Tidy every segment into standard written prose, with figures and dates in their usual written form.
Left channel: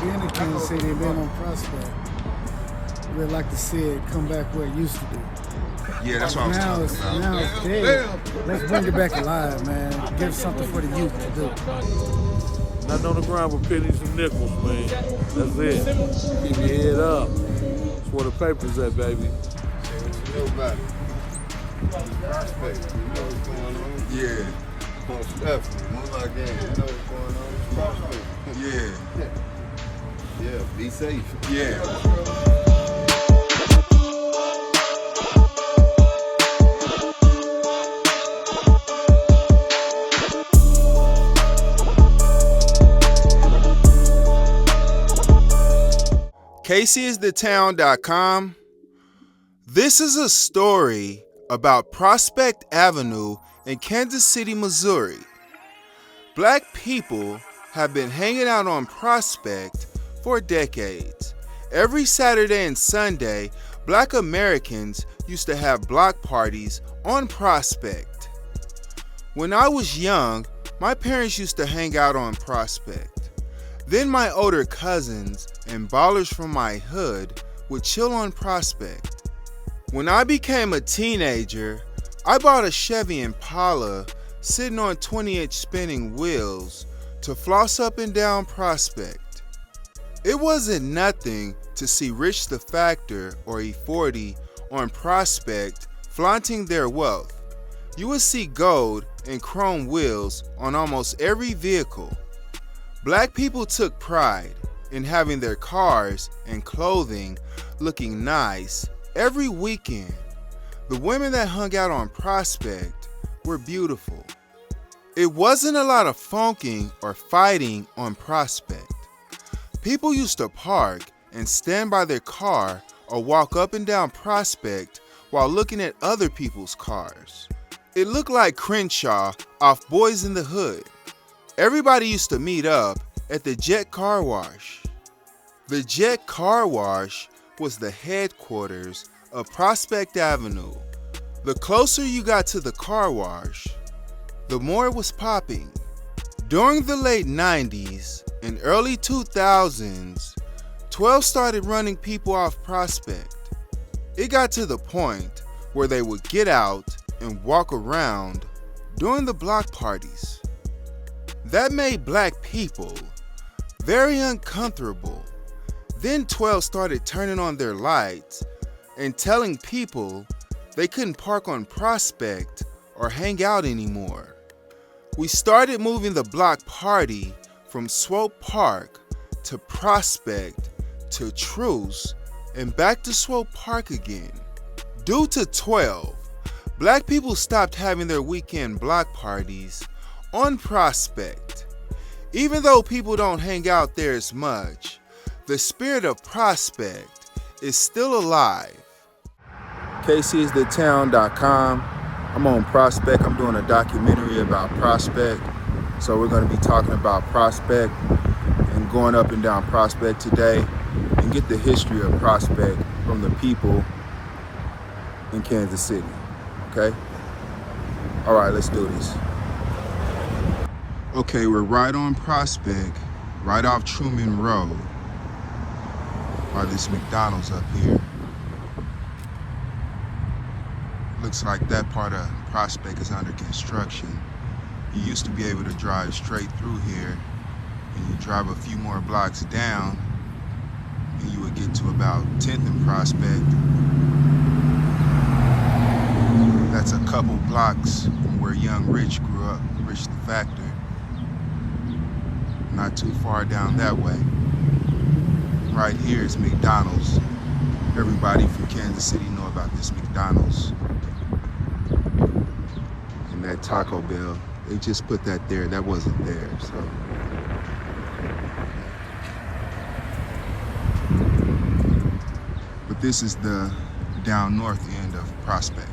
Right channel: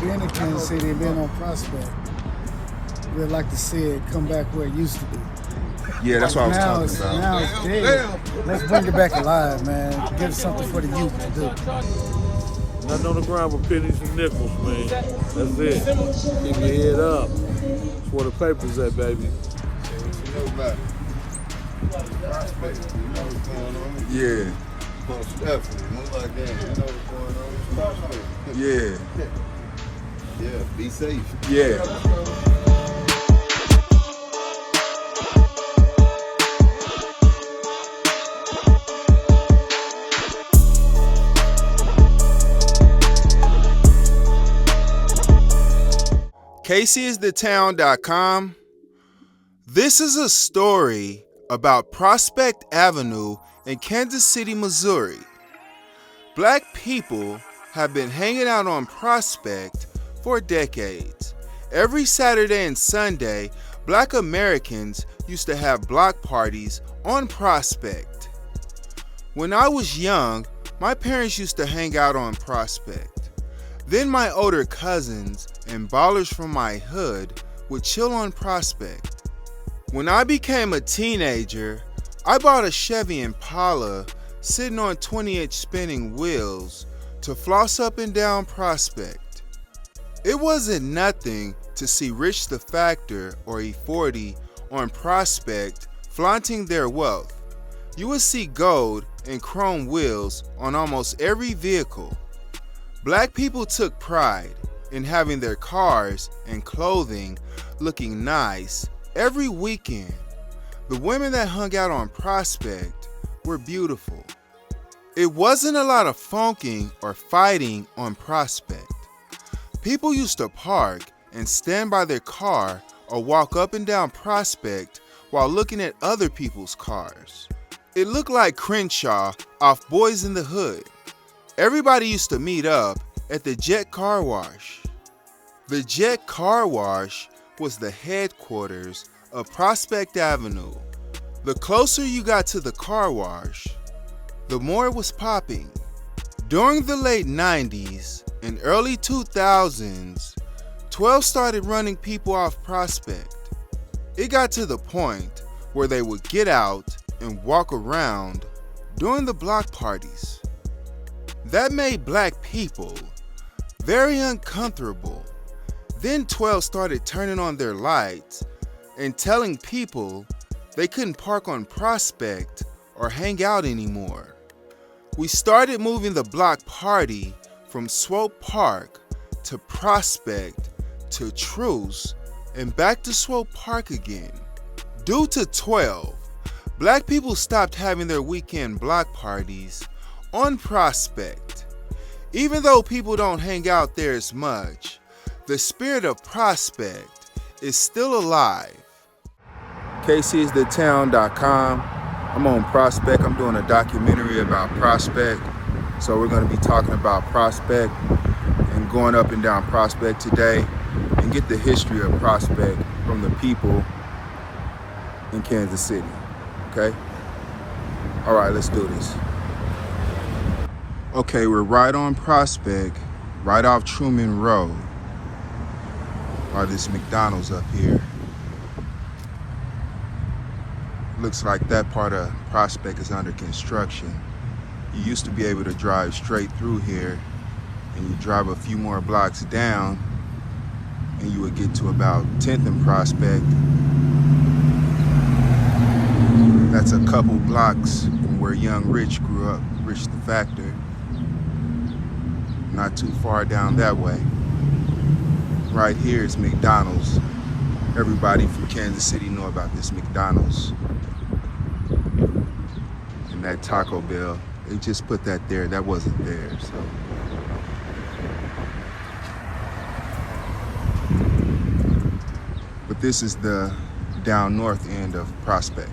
Being in Kansas City and being on Prospect, we'd like to see it come back where it used to be. Yeah, that's what I was Now talking it's, about. now it's big. Let's bring it back alive, man. Give something for the youth to do. Nothing on the ground but pennies and nickels, man. That's it. Keep your head up. That's where the paper's at, baby. What you know about it? Prospect, you know what's going on? Yeah, Most definitely. Most like that. You know what's going on? Prospect. yeah, Yeah, be safe. yeah. kcisthetown.com. This is a story about Prospect Avenue in Kansas City, Missouri. Black people have been hanging out on Prospect for decades. Every Saturday and Sunday, Black Americans used to have block parties on Prospect. When I was young, my parents used to hang out on Prospect. Then my older cousins and ballers from my hood would chill on Prospect. When I became a teenager, I bought a Chevy Impala sitting on 20-inch spinning wheels to floss up and down Prospect. It wasn't nothing to see Rich the Factor or E40 on Prospect flaunting their wealth. You would see gold and chrome wheels on almost every vehicle. Black people took pride in having their cars and clothing looking nice every weekend. The women that hung out on Prospect were beautiful. It wasn't a lot of funking or fighting on Prospect. People used to park and stand by their car or walk up and down Prospect while looking at other people's cars. It looked like Crenshaw off Boys in the Hood. Everybody used to meet up at the Jet Car Wash. The Jet Car Wash was the headquarters of Prospect Avenue. The closer you got to the car wash, the more it was popping. During the late 90s and early 2000s, 12 started running people off Prospect. It got to the point where they would get out and walk around during the block parties. That made black people very uncomfortable. Then 12 started turning on their lights and telling people they couldn't park on Prospect or hang out anymore. We started moving the block party from Swope Park to Prospect to Truce and back to Swope Park again. Due to 12, black people stopped having their weekend block parties on Prospect. Even though people don't hang out there as much, the spirit of Prospect is still alive. kcisthetown.com. I'm on Prospect. I'm doing a documentary about Prospect. So we're going to be talking about Prospect and going up and down Prospect today and get the history of Prospect from the people in Kansas City. Okay? All right, let's do this. Okay, we're right on Prospect, right off Truman Road. By this McDonald's up here. Looks like that part of Prospect is under construction. You used to be able to drive straight through here, and you drive a few more blocks down, and you would get to about 10th and Prospect. That's a couple blocks from where young Rich grew up, Rich the Factor. Not too far down that way. Right here is McDonald's. Everybody from Kansas City know about this McDonald's. And that Taco Bell, they just put that there. That wasn't there, so. But this is the down north end of Prospect.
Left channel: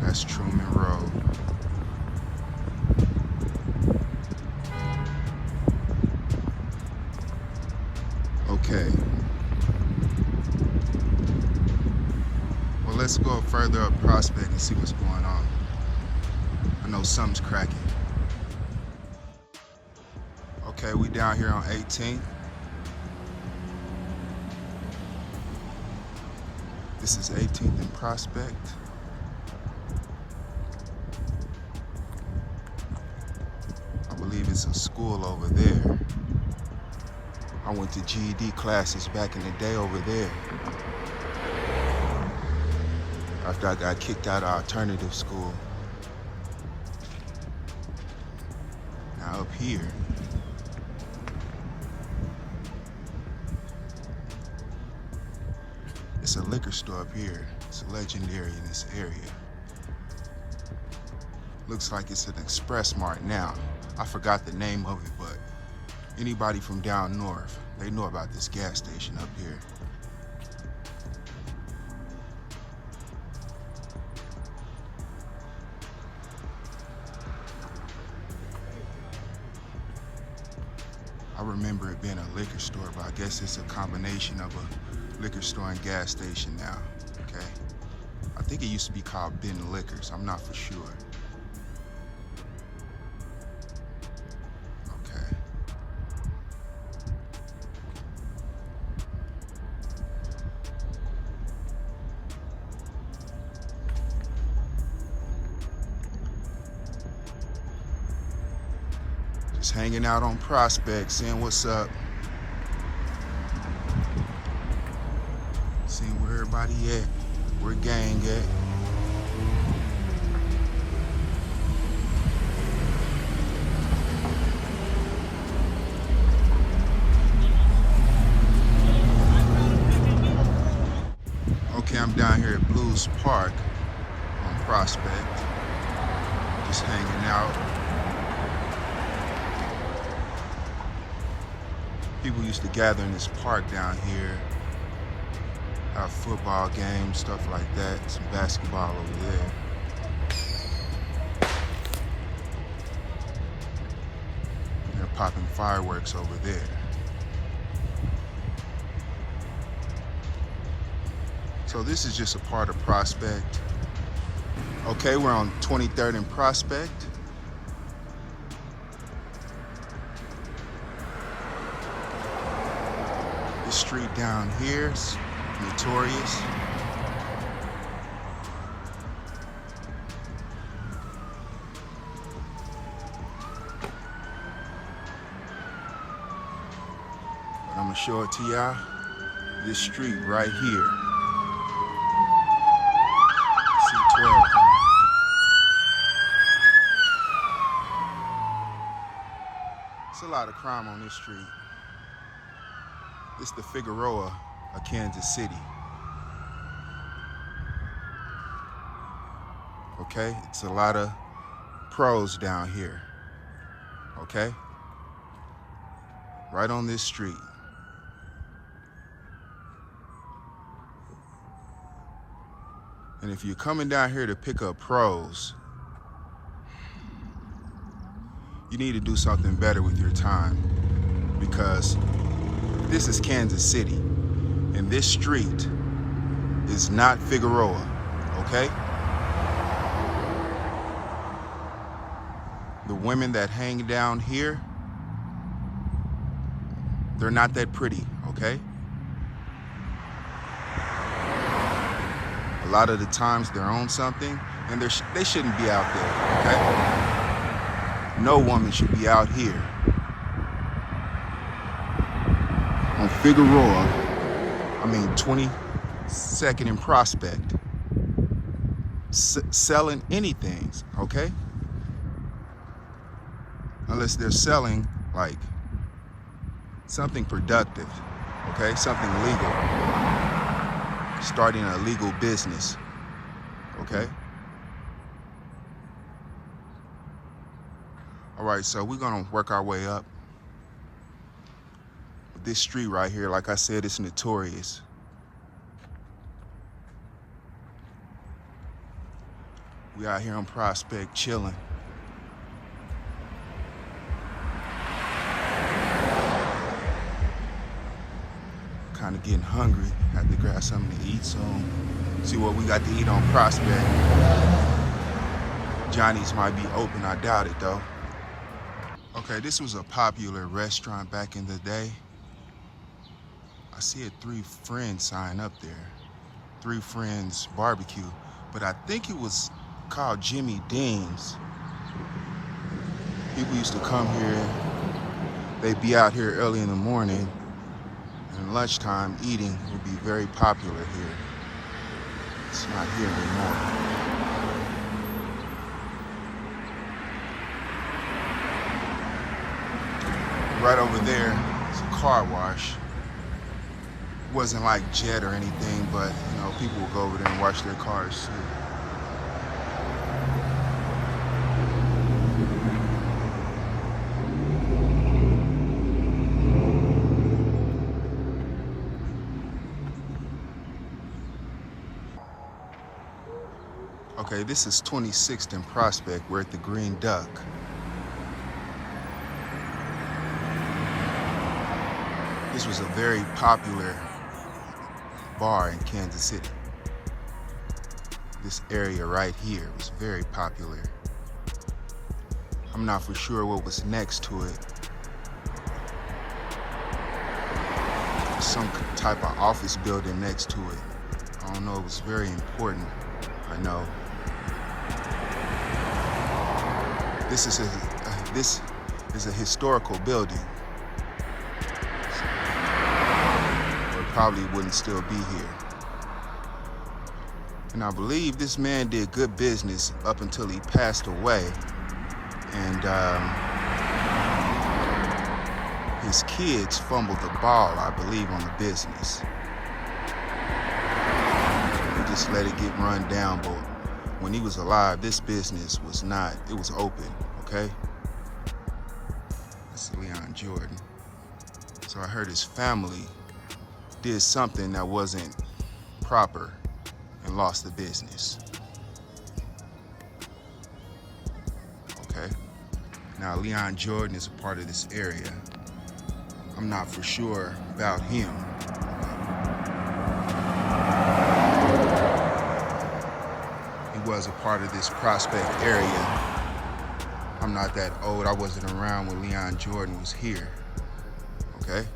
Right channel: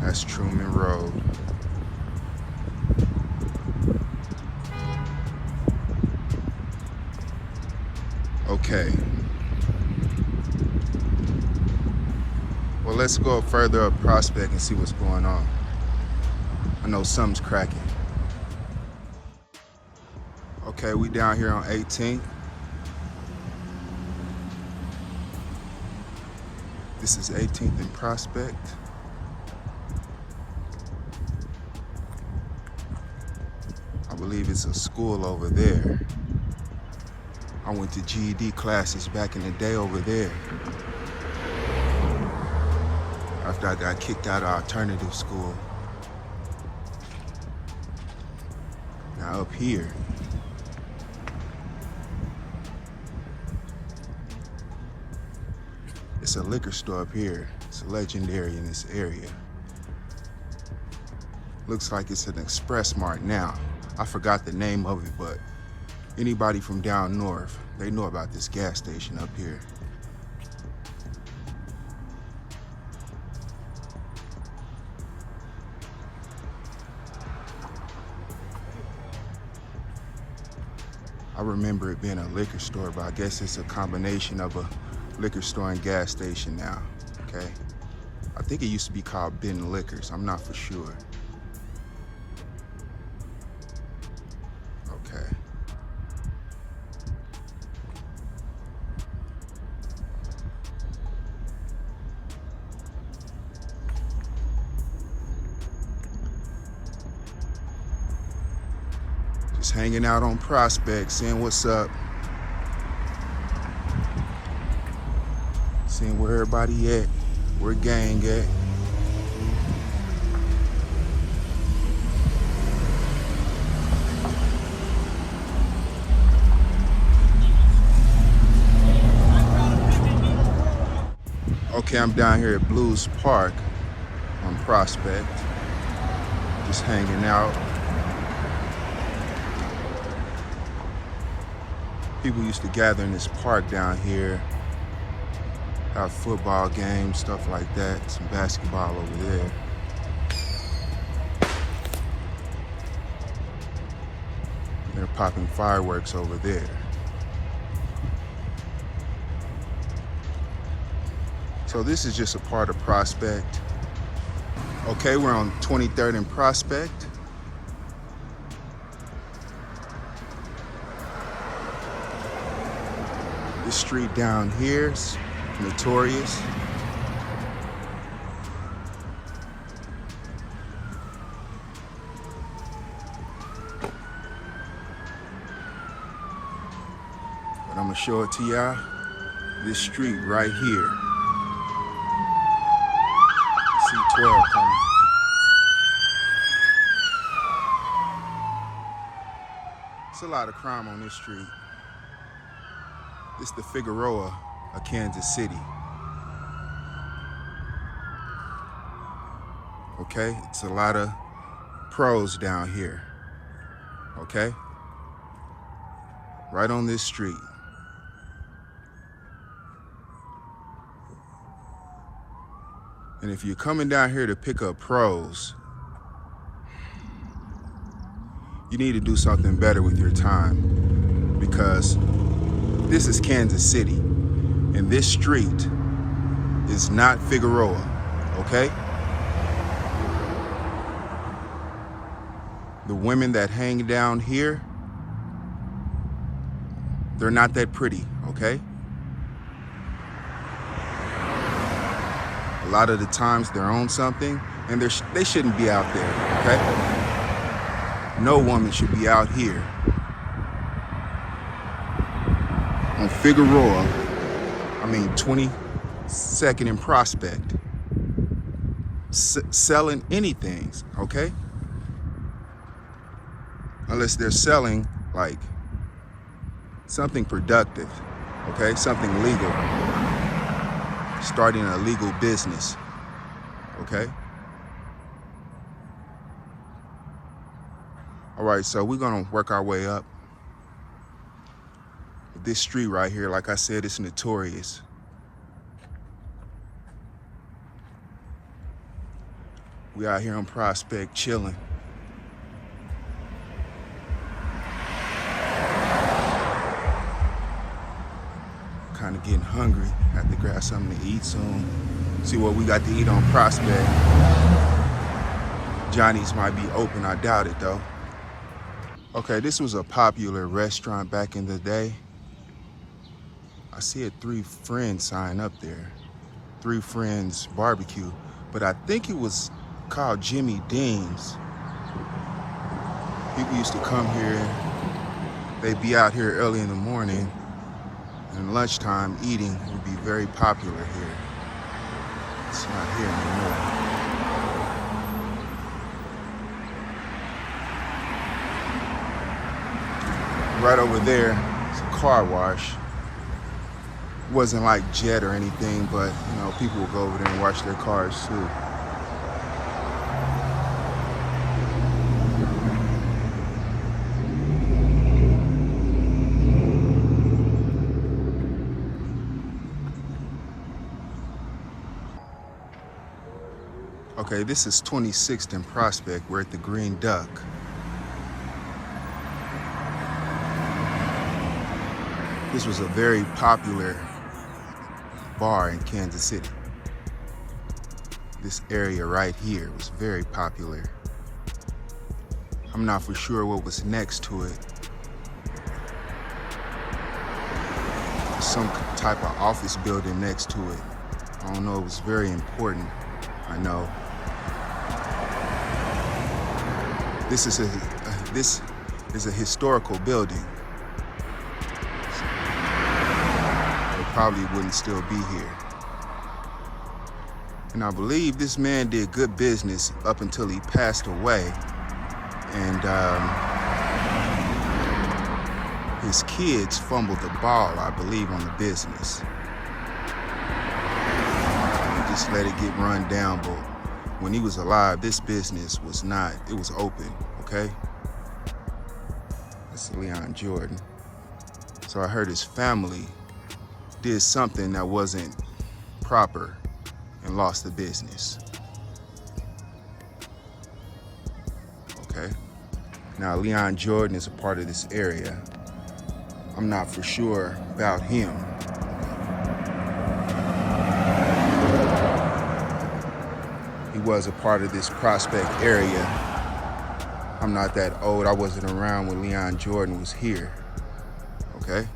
That's Truman Road. Okay. Well, let's go further up Prospect and see what's going on. I know something's cracking. Okay, we down here on 18th. This is 18th and Prospect. I believe it's a school over there. I went to GED classes back in the day over there. After I got kicked out of alternative school. Now up here, it's a liquor store up here. It's legendary in this area. Looks like it's an Express Mart now. I forgot the name of it, but anybody from down north, they know about this gas station up here. I remember it being a liquor store, but I guess it's a combination of a liquor store and gas station now, okay? I think it used to be called Ben Liquors, I'm not for sure. Okay. Just hanging out on Prospect, seeing what's up. Seeing where everybody at, where gang at. Okay, I'm down here at Blues Park on Prospect, just hanging out. People used to gather in this park down here, have football games, stuff like that, some basketball over there. And they're popping fireworks over there. So this is just a part of Prospect. Okay, we're on 23rd and Prospect. This street down here is notorious. But I'm gonna show it to y'all. This street right here. C12 coming. There's a lot of crime on this street. It's the Figueroa of Kansas City. Okay, it's a lot of pros down here. Okay, right on this street. And if you're coming down here to pick up pros, you need to do something better with your time, because this is Kansas City, and this street is not Figueroa, okay? The women that hang down here, they're not that pretty, okay? A lot of the times they're on something, and they shouldn't be out there, okay? No woman should be out here on Figueroa, 22nd and Prospect, selling anything, okay? Unless they're selling like something productive, okay? Something legal, starting a legal business, okay? All right, so we're gonna work our way up. This street right here, like I said, it's notorious. We out here on Prospect chilling. Kind of getting hungry. Have to grab something to eat soon. See what we got to eat on Prospect. Johnny's might be open, I doubt it though. Okay, this was a popular restaurant back in the day. I see a 3 Friends sign up there. 3 Friends Barbecue, but I think it was called Jimmy Dean's. People used to come here. They'd be out here early in the morning, and lunchtime eating would be very popular here. It's not here anymore. Right over there is a car wash. It wasn't like Jet or anything, but you know, people will go over there and wash their cars too. Okay, this is 26th and Prospect. We're at the Green Duck. This was a very popular bar in Kansas City. This area right here was very popular. I'm not for sure what was next to it. Some type of office building next to it. I don't know, it was very important, I know. This is a historical building. Or it probably wouldn't still be here. And I believe this man did good business up until he passed away. And his kids fumbled the ball, I believe, on the business. He just let it get run down, but when he was alive, this business was not, it was open, okay? That's Leon Jordan. So I heard his family did something that wasn't proper and lost the business. Okay? Now, Leon Jordan is a part of this area. I'm not for sure about him. He was a part of this Prospect area. I'm not that old. I wasn't around when Leon Jordan was here. Okay?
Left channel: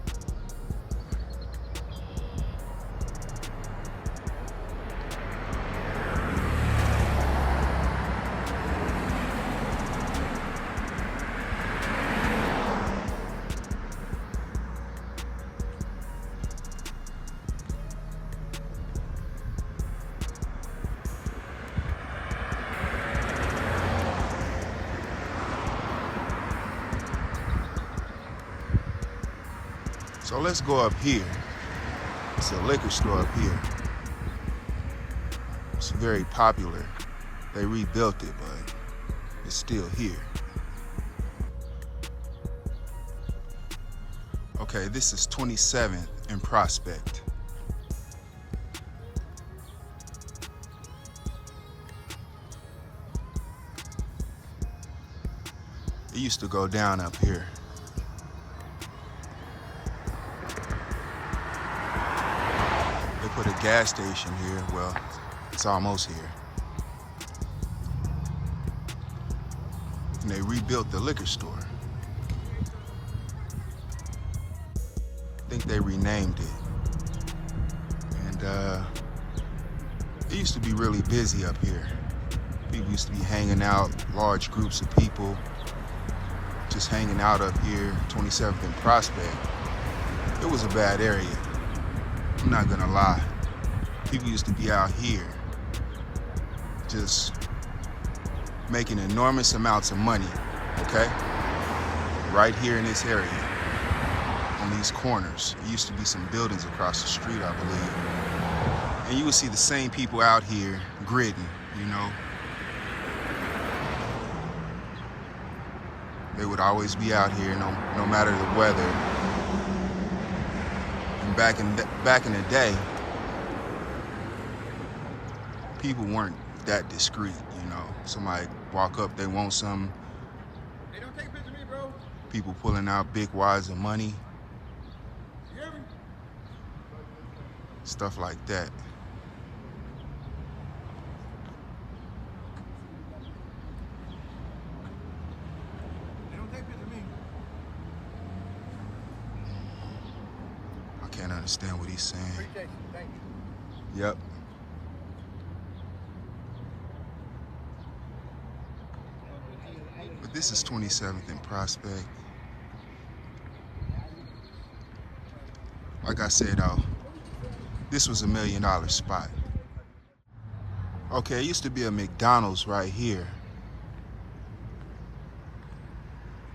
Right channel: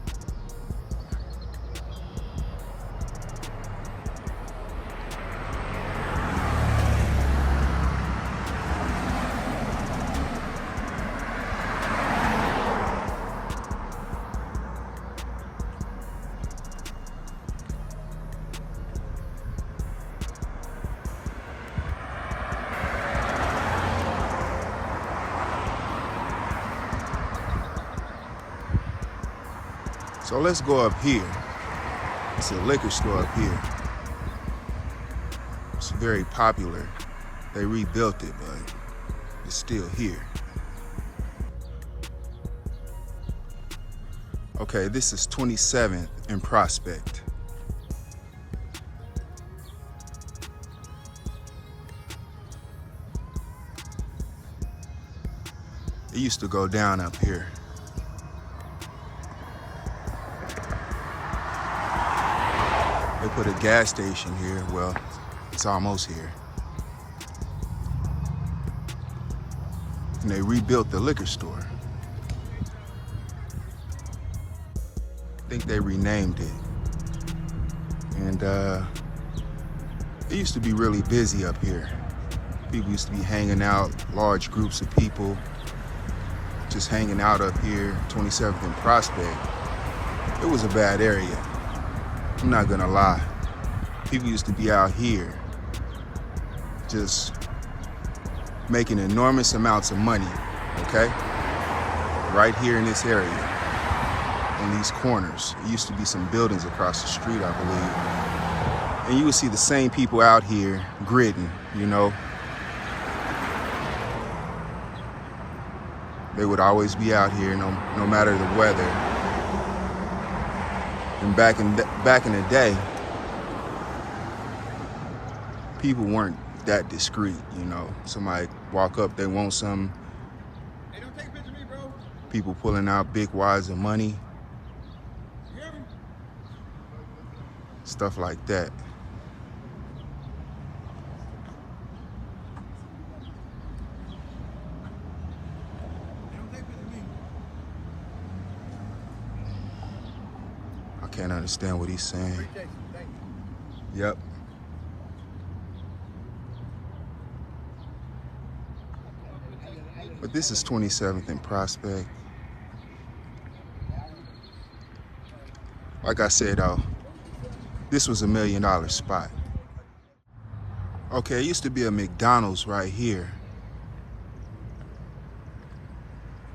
So let's go up here. It's a liquor store up here. It's very popular. They rebuilt it, but it's still here. Okay, this is 27th and Prospect. It used to go down up here. They put a gas station here. Well, it's almost here. And they rebuilt the liquor store. I think they renamed it. And it used to be really busy up here. People used to be hanging out, large groups of people just hanging out up here, 27th and Prospect. It was a bad area. I'm not gonna lie. People used to be out here just making enormous amounts of money, okay? Right here in this area, on these corners. There used to be some buildings across the street, I believe. And you would see the same people out here gridding, you know? They would always be out here no matter the weather. And back in the day, people weren't that discreet, you know. Somebody walk up, they want something. Hey, don't take a picture of me, bro. People pulling out big wads of money. You hear me? Stuff like that. can't understand what he's saying. Yep. But this is 27th and Prospect. Like I said, though, this was $1 million spot. Okay, it used to be a McDonald's right here.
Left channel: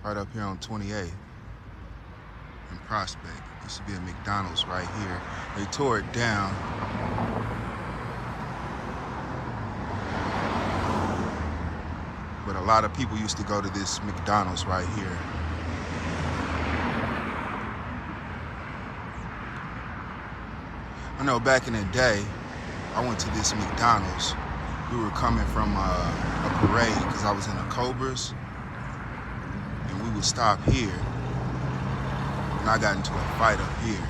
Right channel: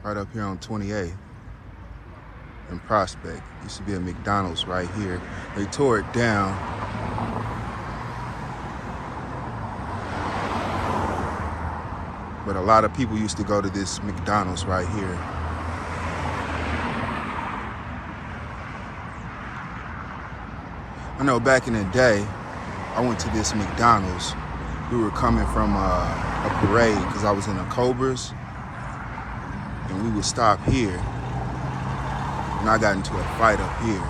Right up here on 28th in Prospect. Used to be a McDonald's right here. They tore it down. But a lot of people used to go to this McDonald's right here. I know back in the day, I went to this McDonald's. We were coming from a parade because I was in the Cobras. And we would stop here. And I got into a fight up here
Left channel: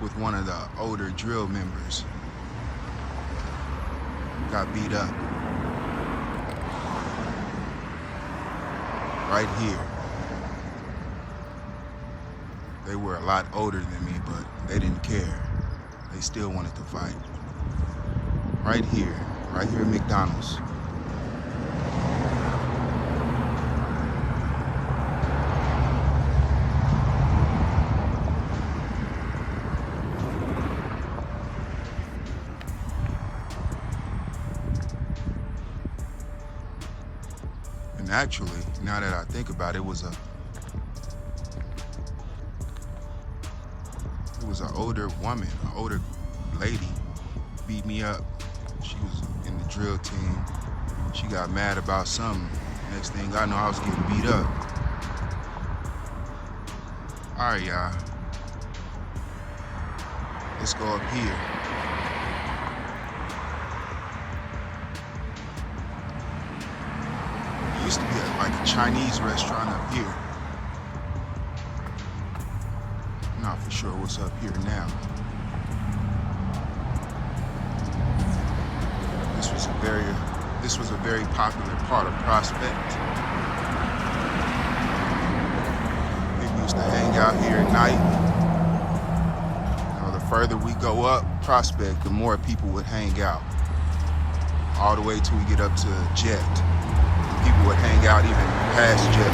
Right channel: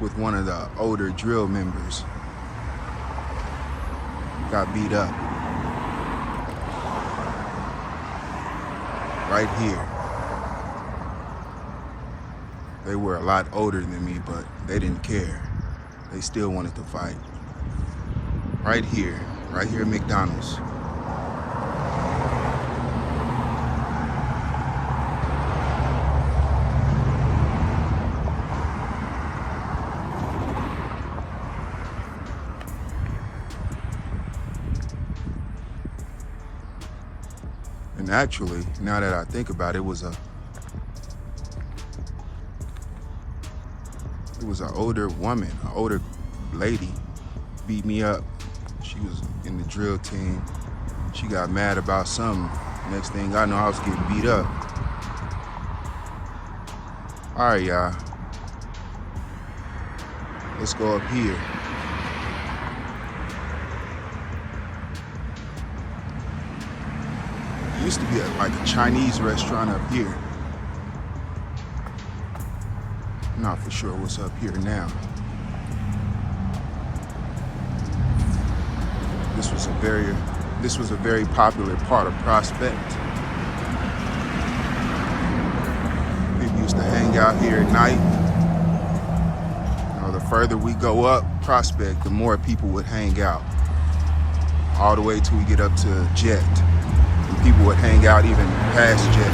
with one of the older drill members. Got beat up. Right here. They were a lot older than me, but they didn't care. They still wanted to fight. Right here at McDonald's. And actually, now that I think about it, it was an older woman, an older lady beat me up. She was in the drill team. She got mad about something. Next thing I know, I was getting beat up. All right, y'all. Let's go up here. Used to be like a Chinese restaurant up here. Not for sure what's up here now. This was a very popular part of Prospect. People used to hang out here at night. You know, the further we go up Prospect, the more people would hang out. All the way till we get up to Jet. And people would hang out even past Jet.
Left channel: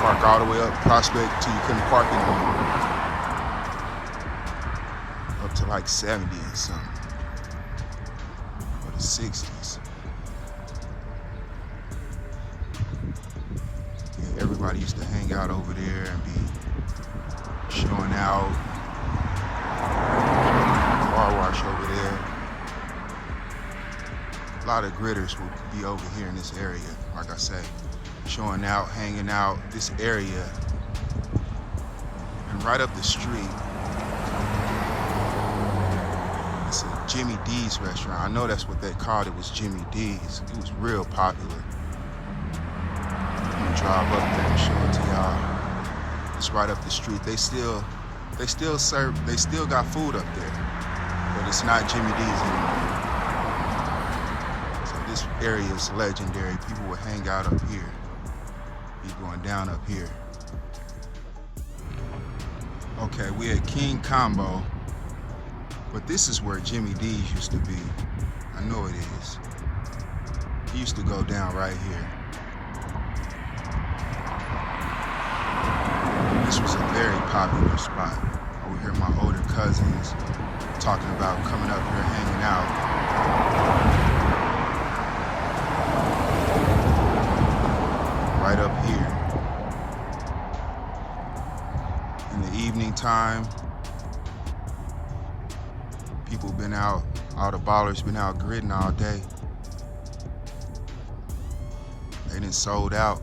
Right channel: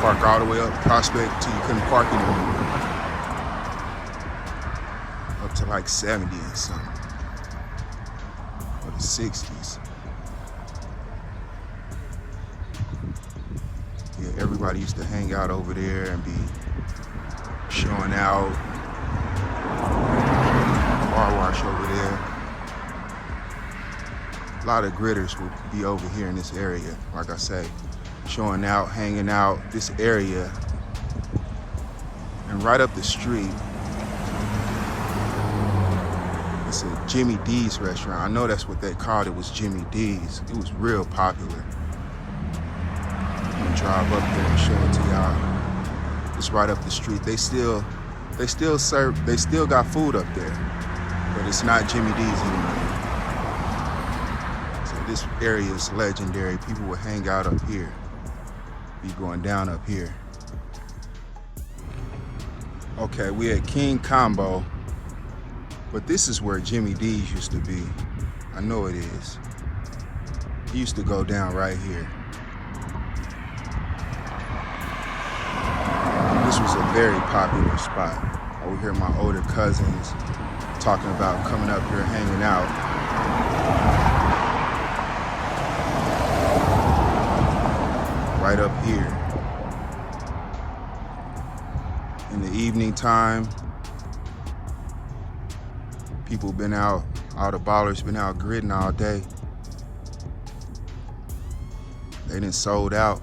Park all the way up Prospect till you couldn't park anymore. Up to like 70 or something. Or the 60s. Yeah, everybody used to hang out over there and be showing out. Car wash over there. A lot of gritters would be over here in this area, like I say, showing out, hanging out, this area. And right up the street, it's a Jimmy D's restaurant. I know that's what they called it, was Jimmy D's. It was real popular. I'm gonna drive up there and show it to y'all. It's right up the street. They still got food up there, but it's not Jimmy D's anymore. So this area is legendary. People would hang out up here, be going down up here. Okay, we at King Combo, but this is where Jimmy D's used to be. I know it is. He used to go down right here. This was a very popular spot. I would hear my older cousins talking about coming up here, hanging out. Right up here. In the evening time, people been out, all the ballers been out gritting all day. They done sold out.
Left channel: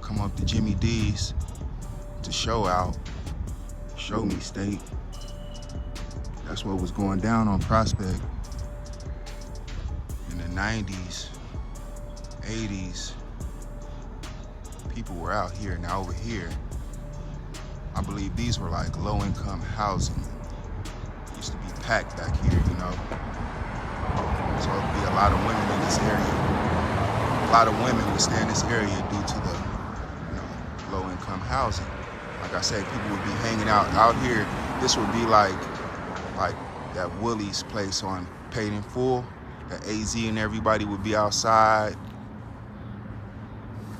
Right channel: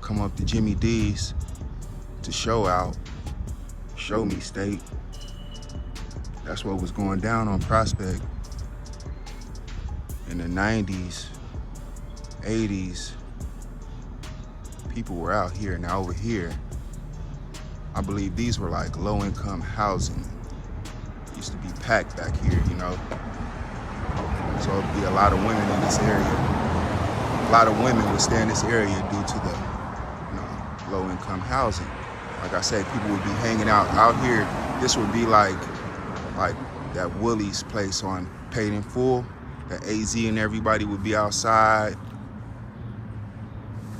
Come up to Jimmy D's to show out, show me steak. That's what was going down on Prospect in the 90s, 80s. People were out here. Now over here, I believe these were like low-income housing. Used to be packed back here, you know. So it'd be a lot of women in this area. A lot of women would stay in this area due to the, you know, low-income housing. Like I said, people would be hanging out here. This would be like that Willie's place on Paid in Full. That AZ and everybody would be outside,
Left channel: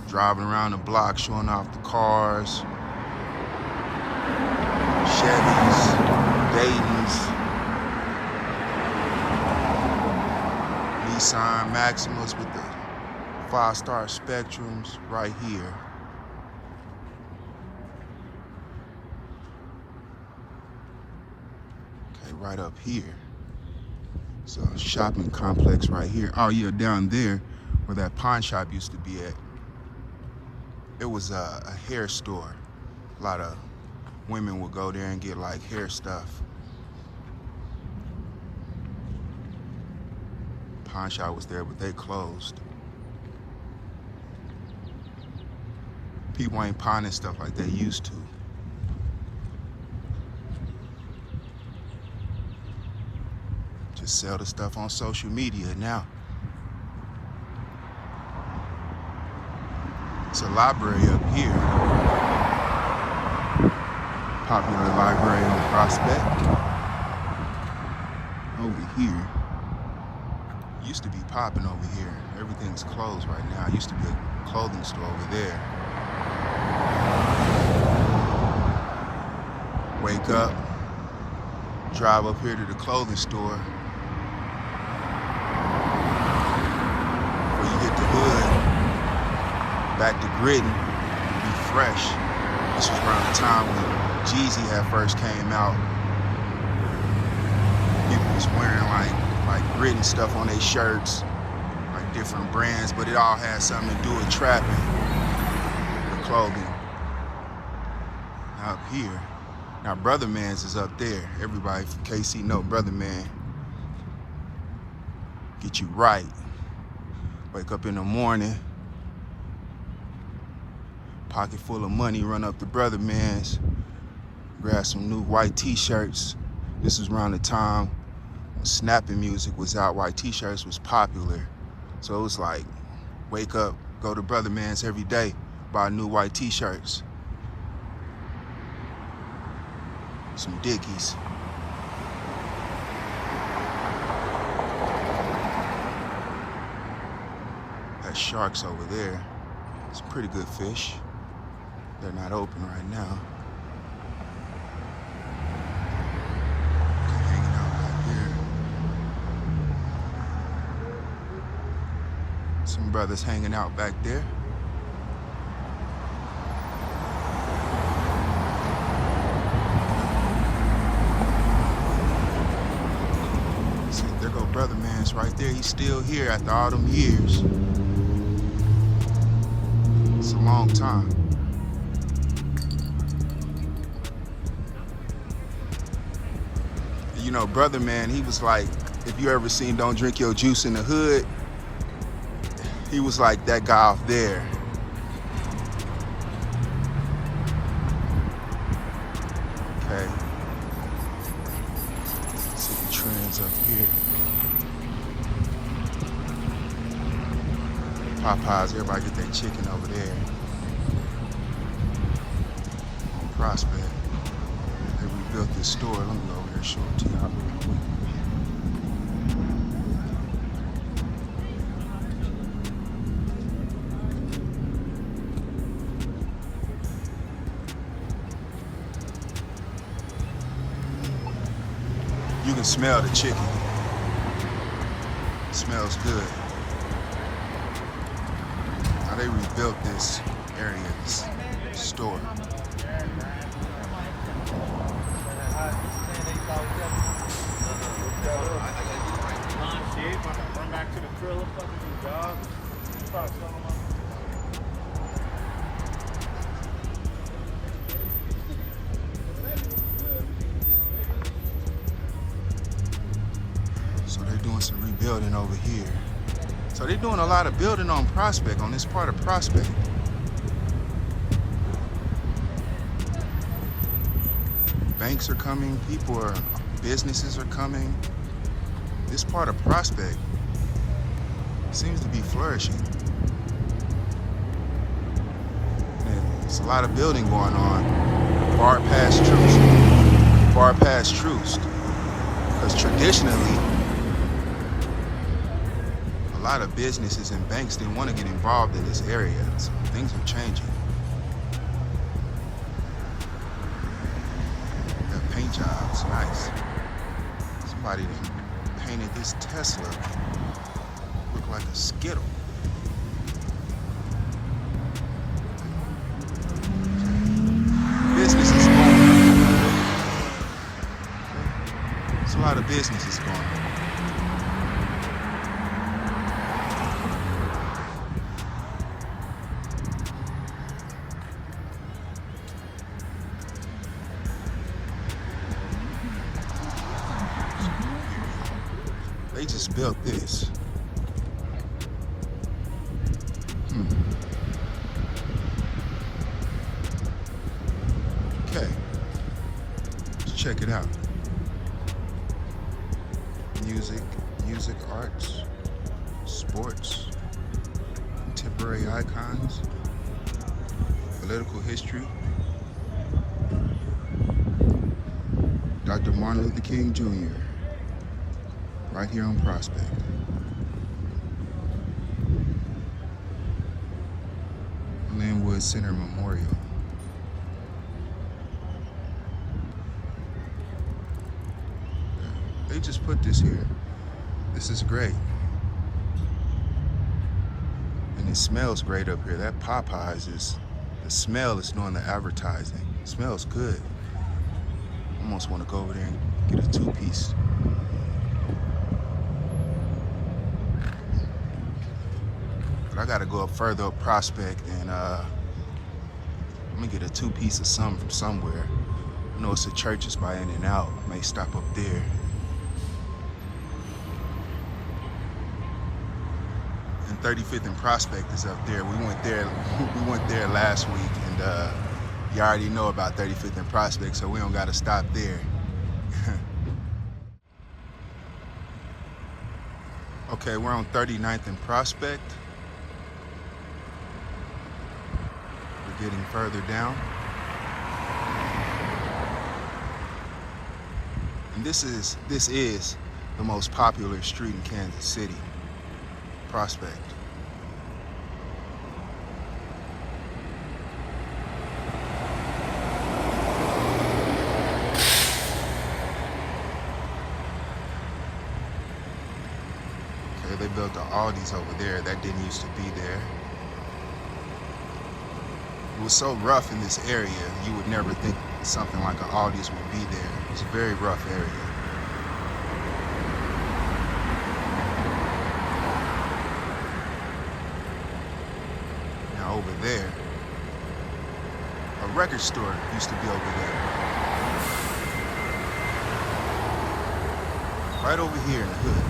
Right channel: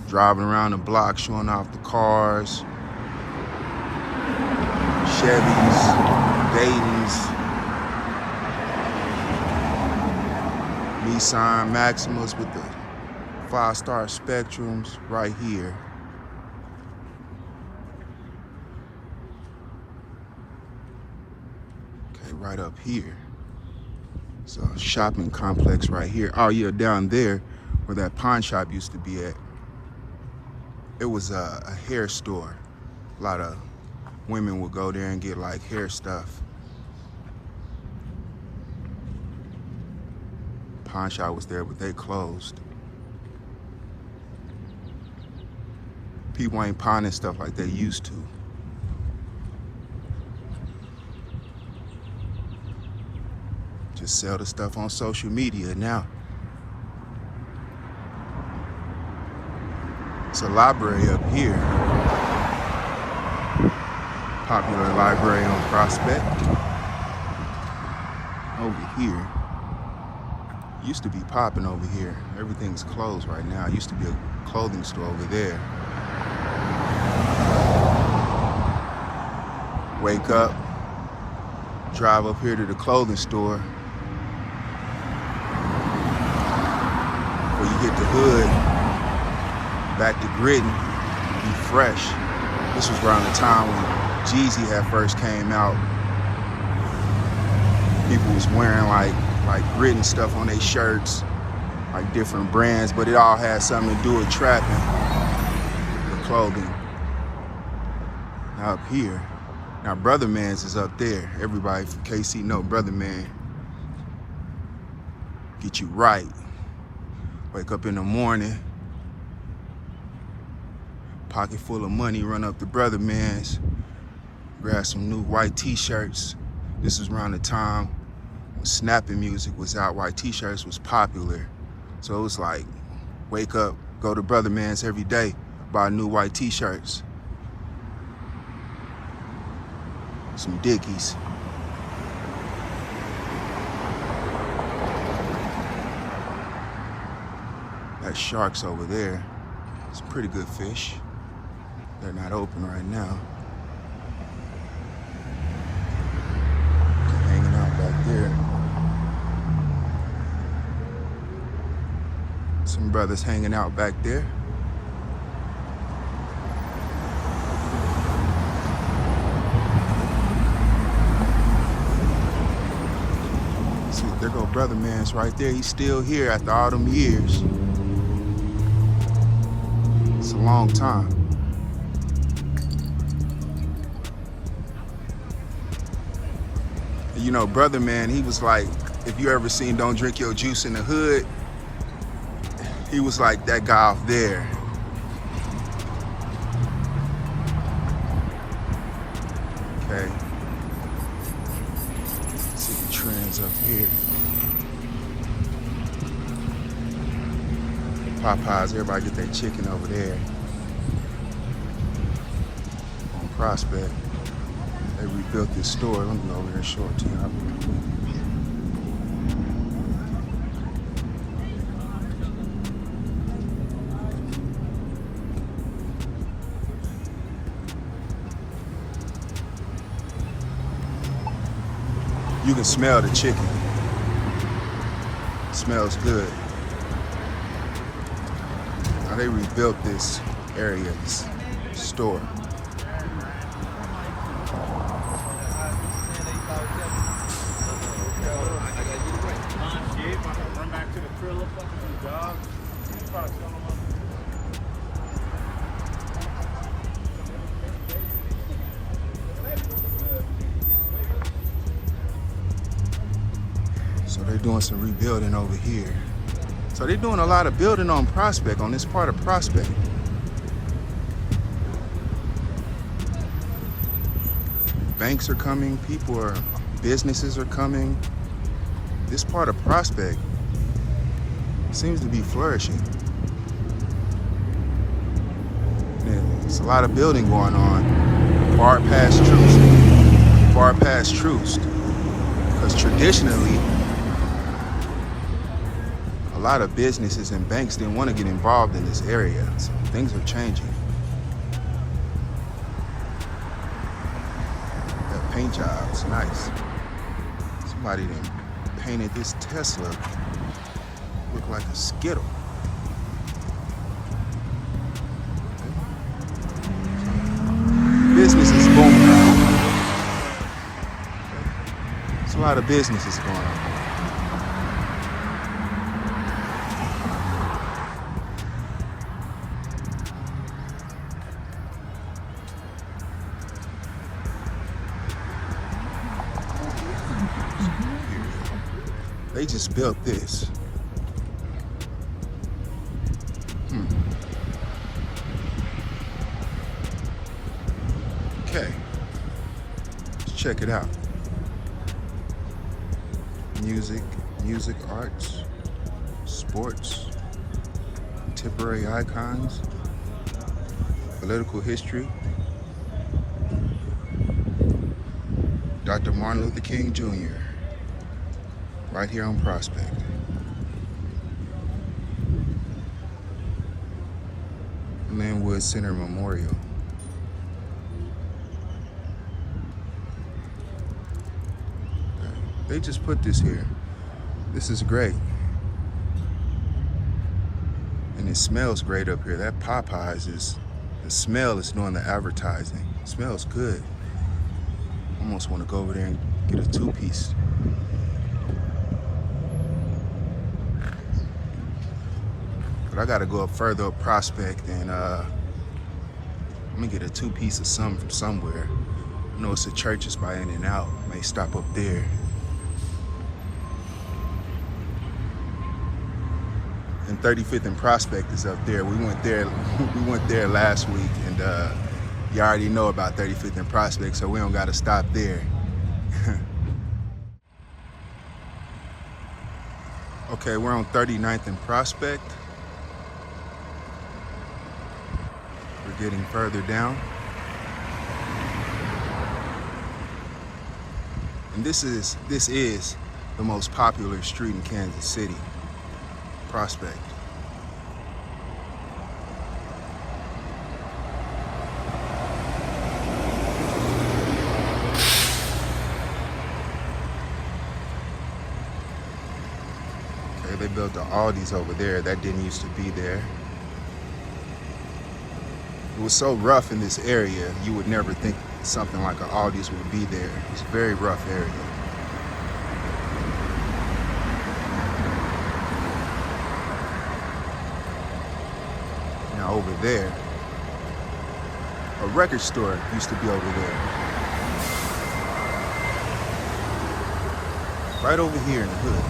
driving around the block, showing off the cars, Chevys, Daytons, Nissan Maximas with the 5-star Spectrums right here. Okay, right up here. So shopping complex right here. Oh yeah, down there where that pawn shop used to be at, it was a hair store. A lot of women would go there and get like hair stuff. Pawn shop was there, but they closed. People ain't pawning stuff like they used to. Just sell the stuff on social media now. It's a library up here. Popular library on Prospect. Over here. Used to be popping over here. Everything's closed right now. It used to be a clothing store over there. Wake up, drive up here to the clothing store. Before you hit the hood, back to Gritton, be fresh. This was around the time when Jeezy had first came out. People was wearing like Gritton stuff on their shirts, like different brands, but it all had something to do with trapping, the clothing. Now up here, now Brother Man's is up there. Everybody from KC know Brother Man. Get you right. Wake up in the morning, pocket full of money, run up to Brother Man's, grab some new white t-shirts. This is around the time when snapping music was out, white t-shirts was popular. So it was like, wake up, go to Brother Man's every day, buy new white t-shirts. Some Dickies. That shark's over there. It's a pretty good fish. They're not open right now. They're hanging out back there. Some brothers hanging out back there. See, there go Brother Man's right there. He's still here after all them years. It's a long time. You know, Brother Man, he was like, if you ever seen Don't Drink Your Juice in the Hood, he was like that guy off there. Okay. See the trends up here. Popeyes, everybody get their chicken over there. On Prospect. They rebuilt this store. Let me go over there and show it to y'all. You can smell the chicken. It smells good. Now they rebuilt this area, this store. So they're doing some rebuilding over here. So they're doing a lot of building on Prospect, on this part of Prospect. Banks are coming, businesses are coming. This part of Prospect seems to be flourishing. And a lot of building going on. Far past truce. Because traditionally, a lot of businesses and banks didn't want to get involved in this area. So things are changing. That paint job's nice. Somebody then painted this Tesla look like a Skittle. Business is booming. There's a lot of businesses going on. They just built this. Okay, let's check it out. Music, arts, sports, contemporary icons, political history. Dr. Martin Luther King Jr. right here on Prospect. Linwood Center Memorial. They just put this here. This is great. And it smells great up here. That Popeyes is, the smell is doing the advertising. It smells good. Almost want to go over there and get a 2-piece. But I gotta go up further up Prospect and I'm gonna get a 2-piece of something from somewhere. I know it's a Church's by In-N-Out. May stop up there. And 35th and Prospect is up there. We went there last week, and you already know about 35th and Prospect, so we don't gotta stop there. Okay, we're on 39th and Prospect. We're getting further down. And this is the most popular street in Kansas City. Prospect. Okay, they built the Aldi's over there. That didn't used to be there. It was so rough in this area, you would never think something like an Aldi's would be there. It's a very rough area. Over there, a record store used to be over there. Right over here in the hood.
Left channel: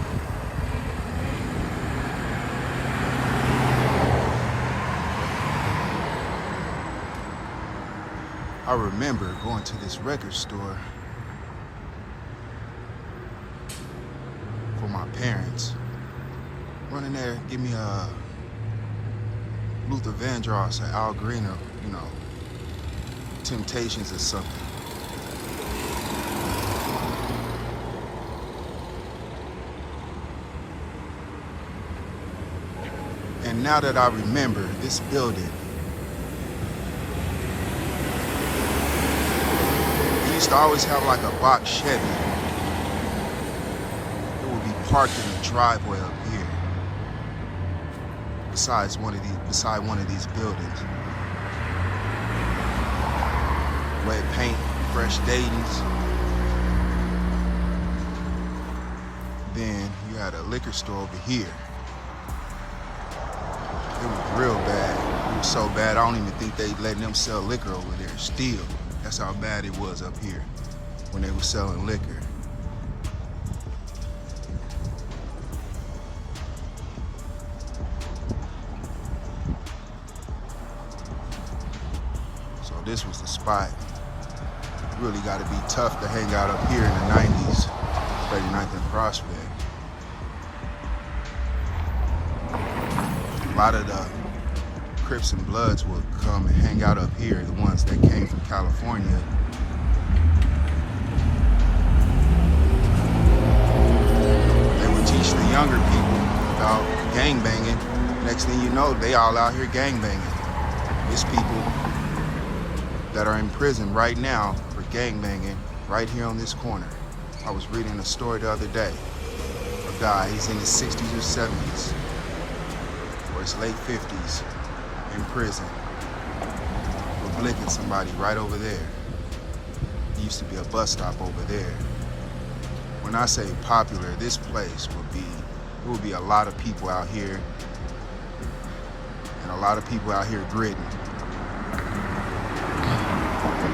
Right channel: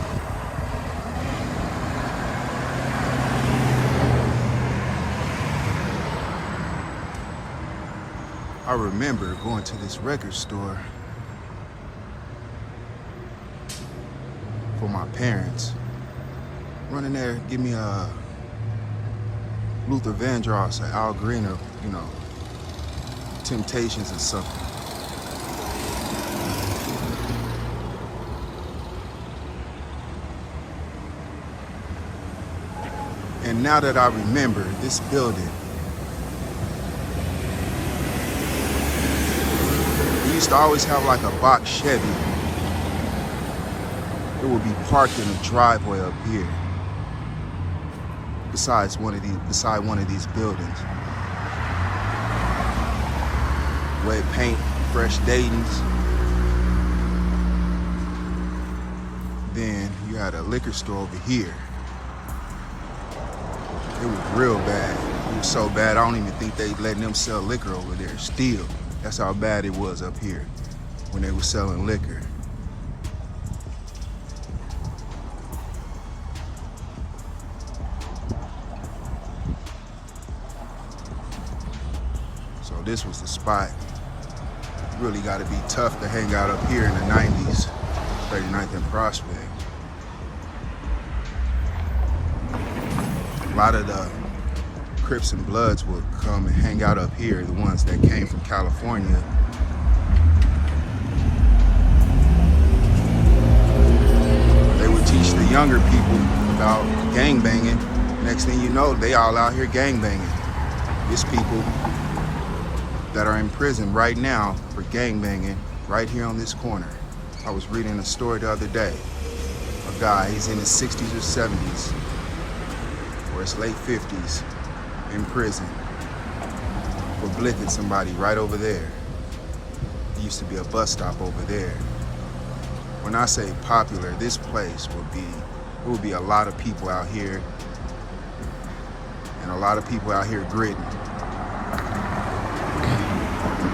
I remember going to this record store for my parents. Running there, give me a Luther Vandross or Al Green, or, you know, Temptations or something. And now that I remember this building, we used to always have like a box Chevy. It would be parked in a driveway up here. Beside one of these buildings. Wet paint, fresh Dayton's. Then you had a liquor store over here. It was real bad. It was so bad, I don't even think they letting them sell liquor over there still. That's how bad it was up here when they were selling liquor. This was the spot. Really got to be tough to hang out up here in the 90s. 39th and Prospect. A lot of the Crips and Bloods would come and hang out up here, the ones that came from California. They would teach the younger people about gangbanging. Next thing you know, they all out here gangbanging. There's people that are in prison right now for gangbanging right here on this corner. I was reading a story the other day. A guy, he's in his 60s or 70s, or his late 50s, in prison for blicking somebody right over there. There used to be a bus stop over there. When I say popular, this place would be a lot of people out here, and a lot of people out here gritting.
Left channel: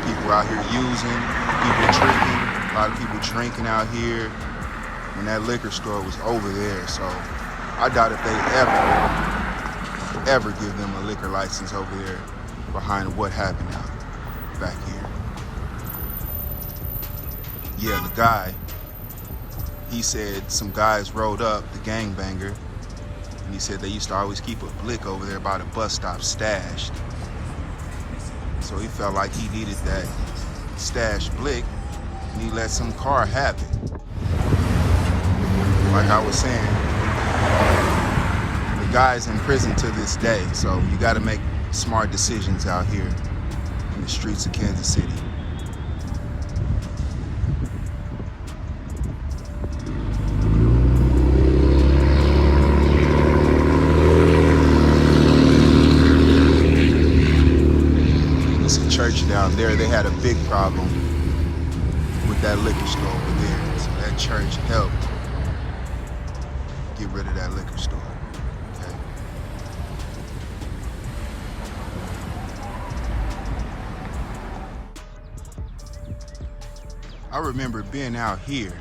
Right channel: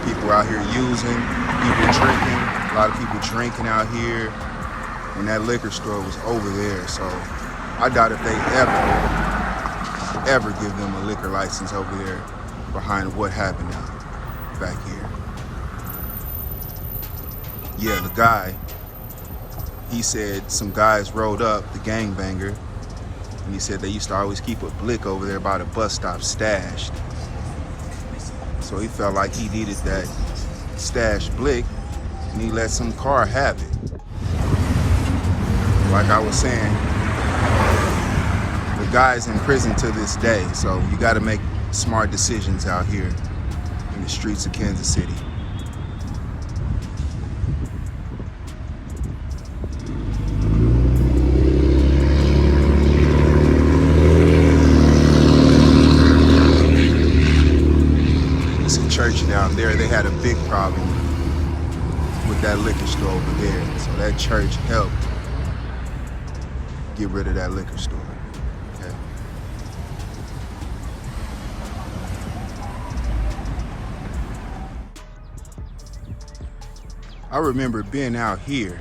People out here using, people drinking, a lot of people drinking out here when that liquor store was over there. So I doubt if they ever give them a liquor license over there behind what happened out back here. Yeah, the guy, he said some guys rode up, the gangbanger, and he said they used to always keep a blick over there by the bus stop stashed. So he felt like he needed that stash blick, and he let some car have it. Like I was saying, the guy's in prison to this day, so you gotta make smart decisions out here in the streets of Kansas City. Church down there, they had a big problem with that liquor store over there. So that church helped get rid of that liquor store. Okay. I remember being out here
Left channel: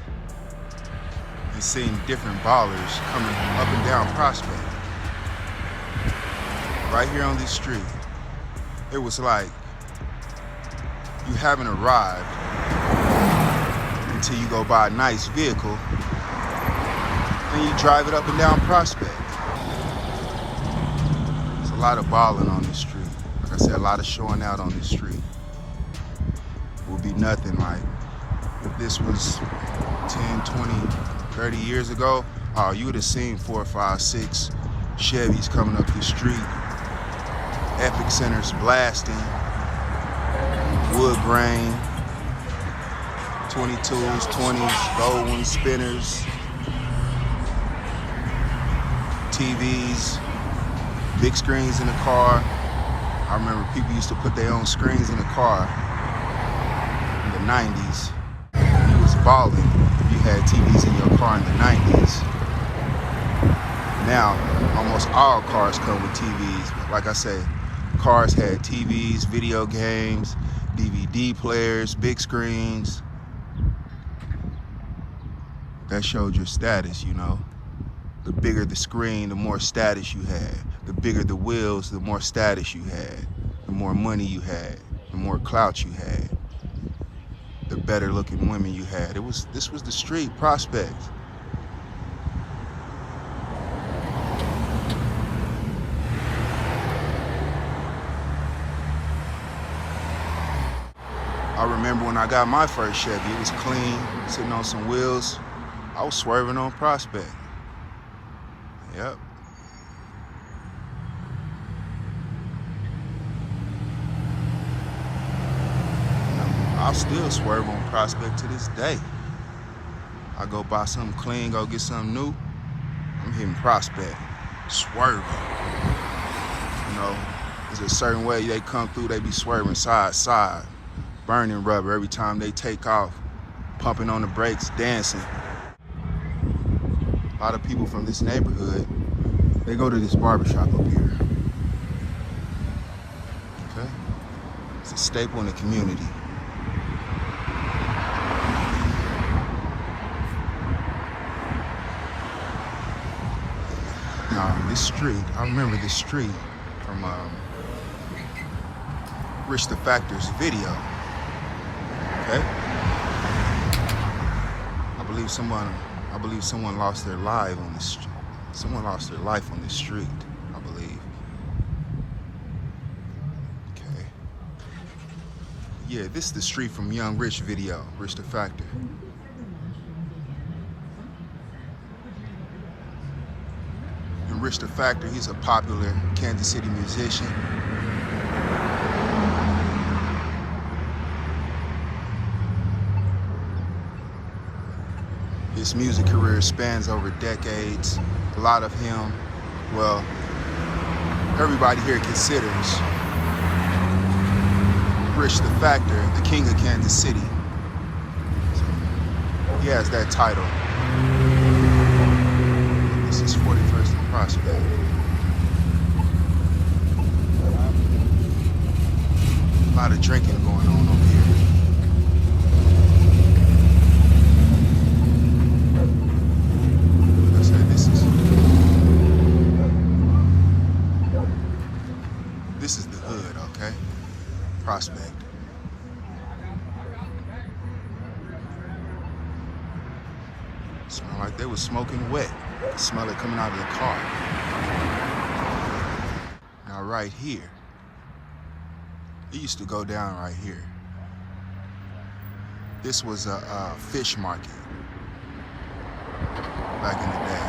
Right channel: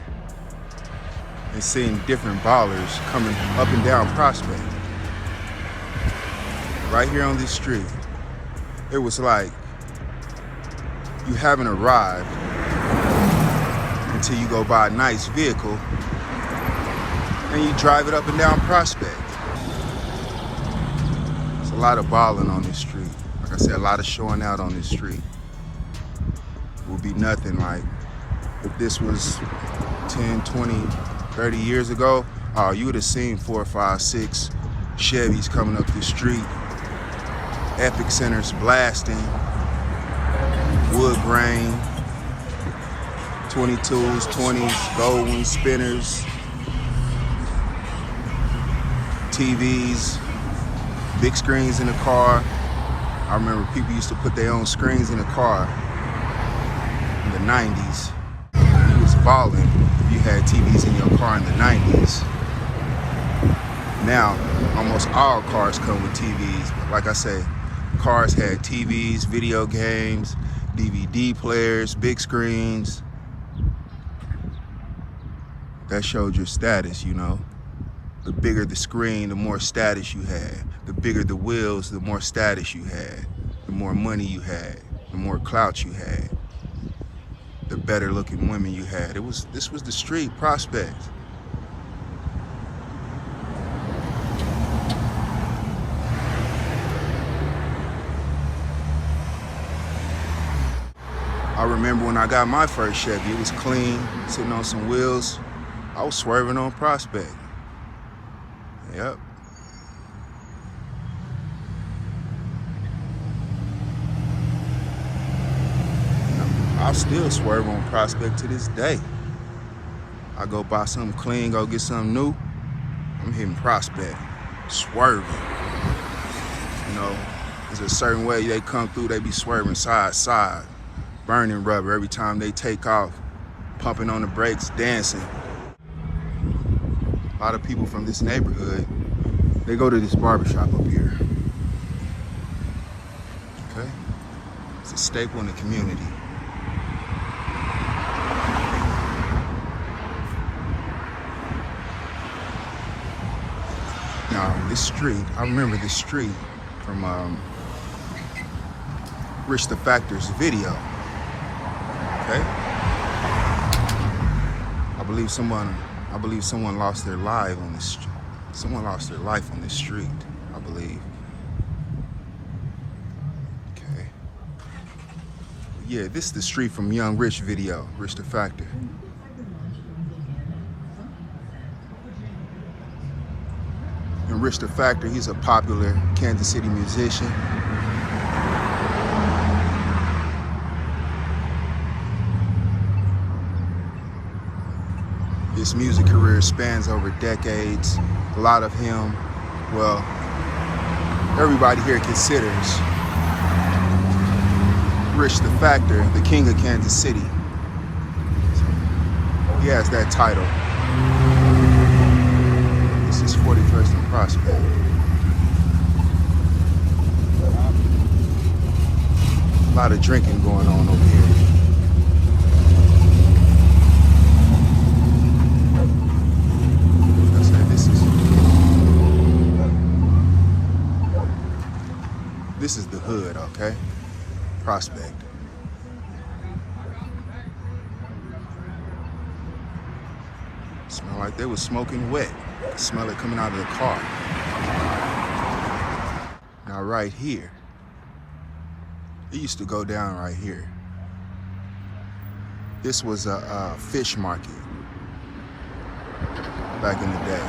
and seeing different ballers coming up and down Prospect. Right here on this street. It was like you haven't arrived until you go buy a nice vehicle and you drive it up and down Prospect. There's a lot of balling on this street. Like I said, a lot of showing out on this street. It would be nothing like if this was 10, 20, 30 years ago. Oh, you would have seen 4, 5, 6 Chevys coming up the street. Epic Centers blasting. Wood grain, 22s, 20s, gold wing spinners, TVs, big screens in the car. I remember people used to put their own screens in the car in the 90s. You was balling if you had TVs in your car in the 90s. Now, almost all cars come with TVs. Like I say, cars had TVs, video games, DVD players, big screens. That showed your status, you know. The bigger the screen, the more status you had. The bigger the wheels, the more status you had. The more money you had, the more clout you had. The better looking women you had. This was the street, Prospect. I remember when I got my first Chevy, it was clean, sitting on some wheels. I was swerving on Prospect. Yep. I still swerve on Prospect to this day. I go buy something clean, go get something new, I'm hitting Prospect, swerving. You know, there's a certain way they come through, they be swerving side to side. Burning rubber every time they take off, pumping on the brakes, dancing. A lot of people from this neighborhood, they go to this barbershop up here. Okay? It's a staple in the community. Now, this street, I remember this street from Rich the Factor's video. Okay. I believe someone lost their life on this. Someone lost their life on this street. I believe. Yeah, this is the street from Young Rich video, Rich the Factor. And Rich the Factor, he's a popular Kansas City musician. His music career spans over decades. A lot of him, well, everybody here considers Rich the Factor the king of Kansas City. He has that title. This is 41st and Prospect. A lot of drinking going on over here. Like I said, this is the hood, okay? Prospect. Smell like they was smoking wet. Smell it coming out of the car. Now right here, it used to go down right here. This was a fish market back in the day.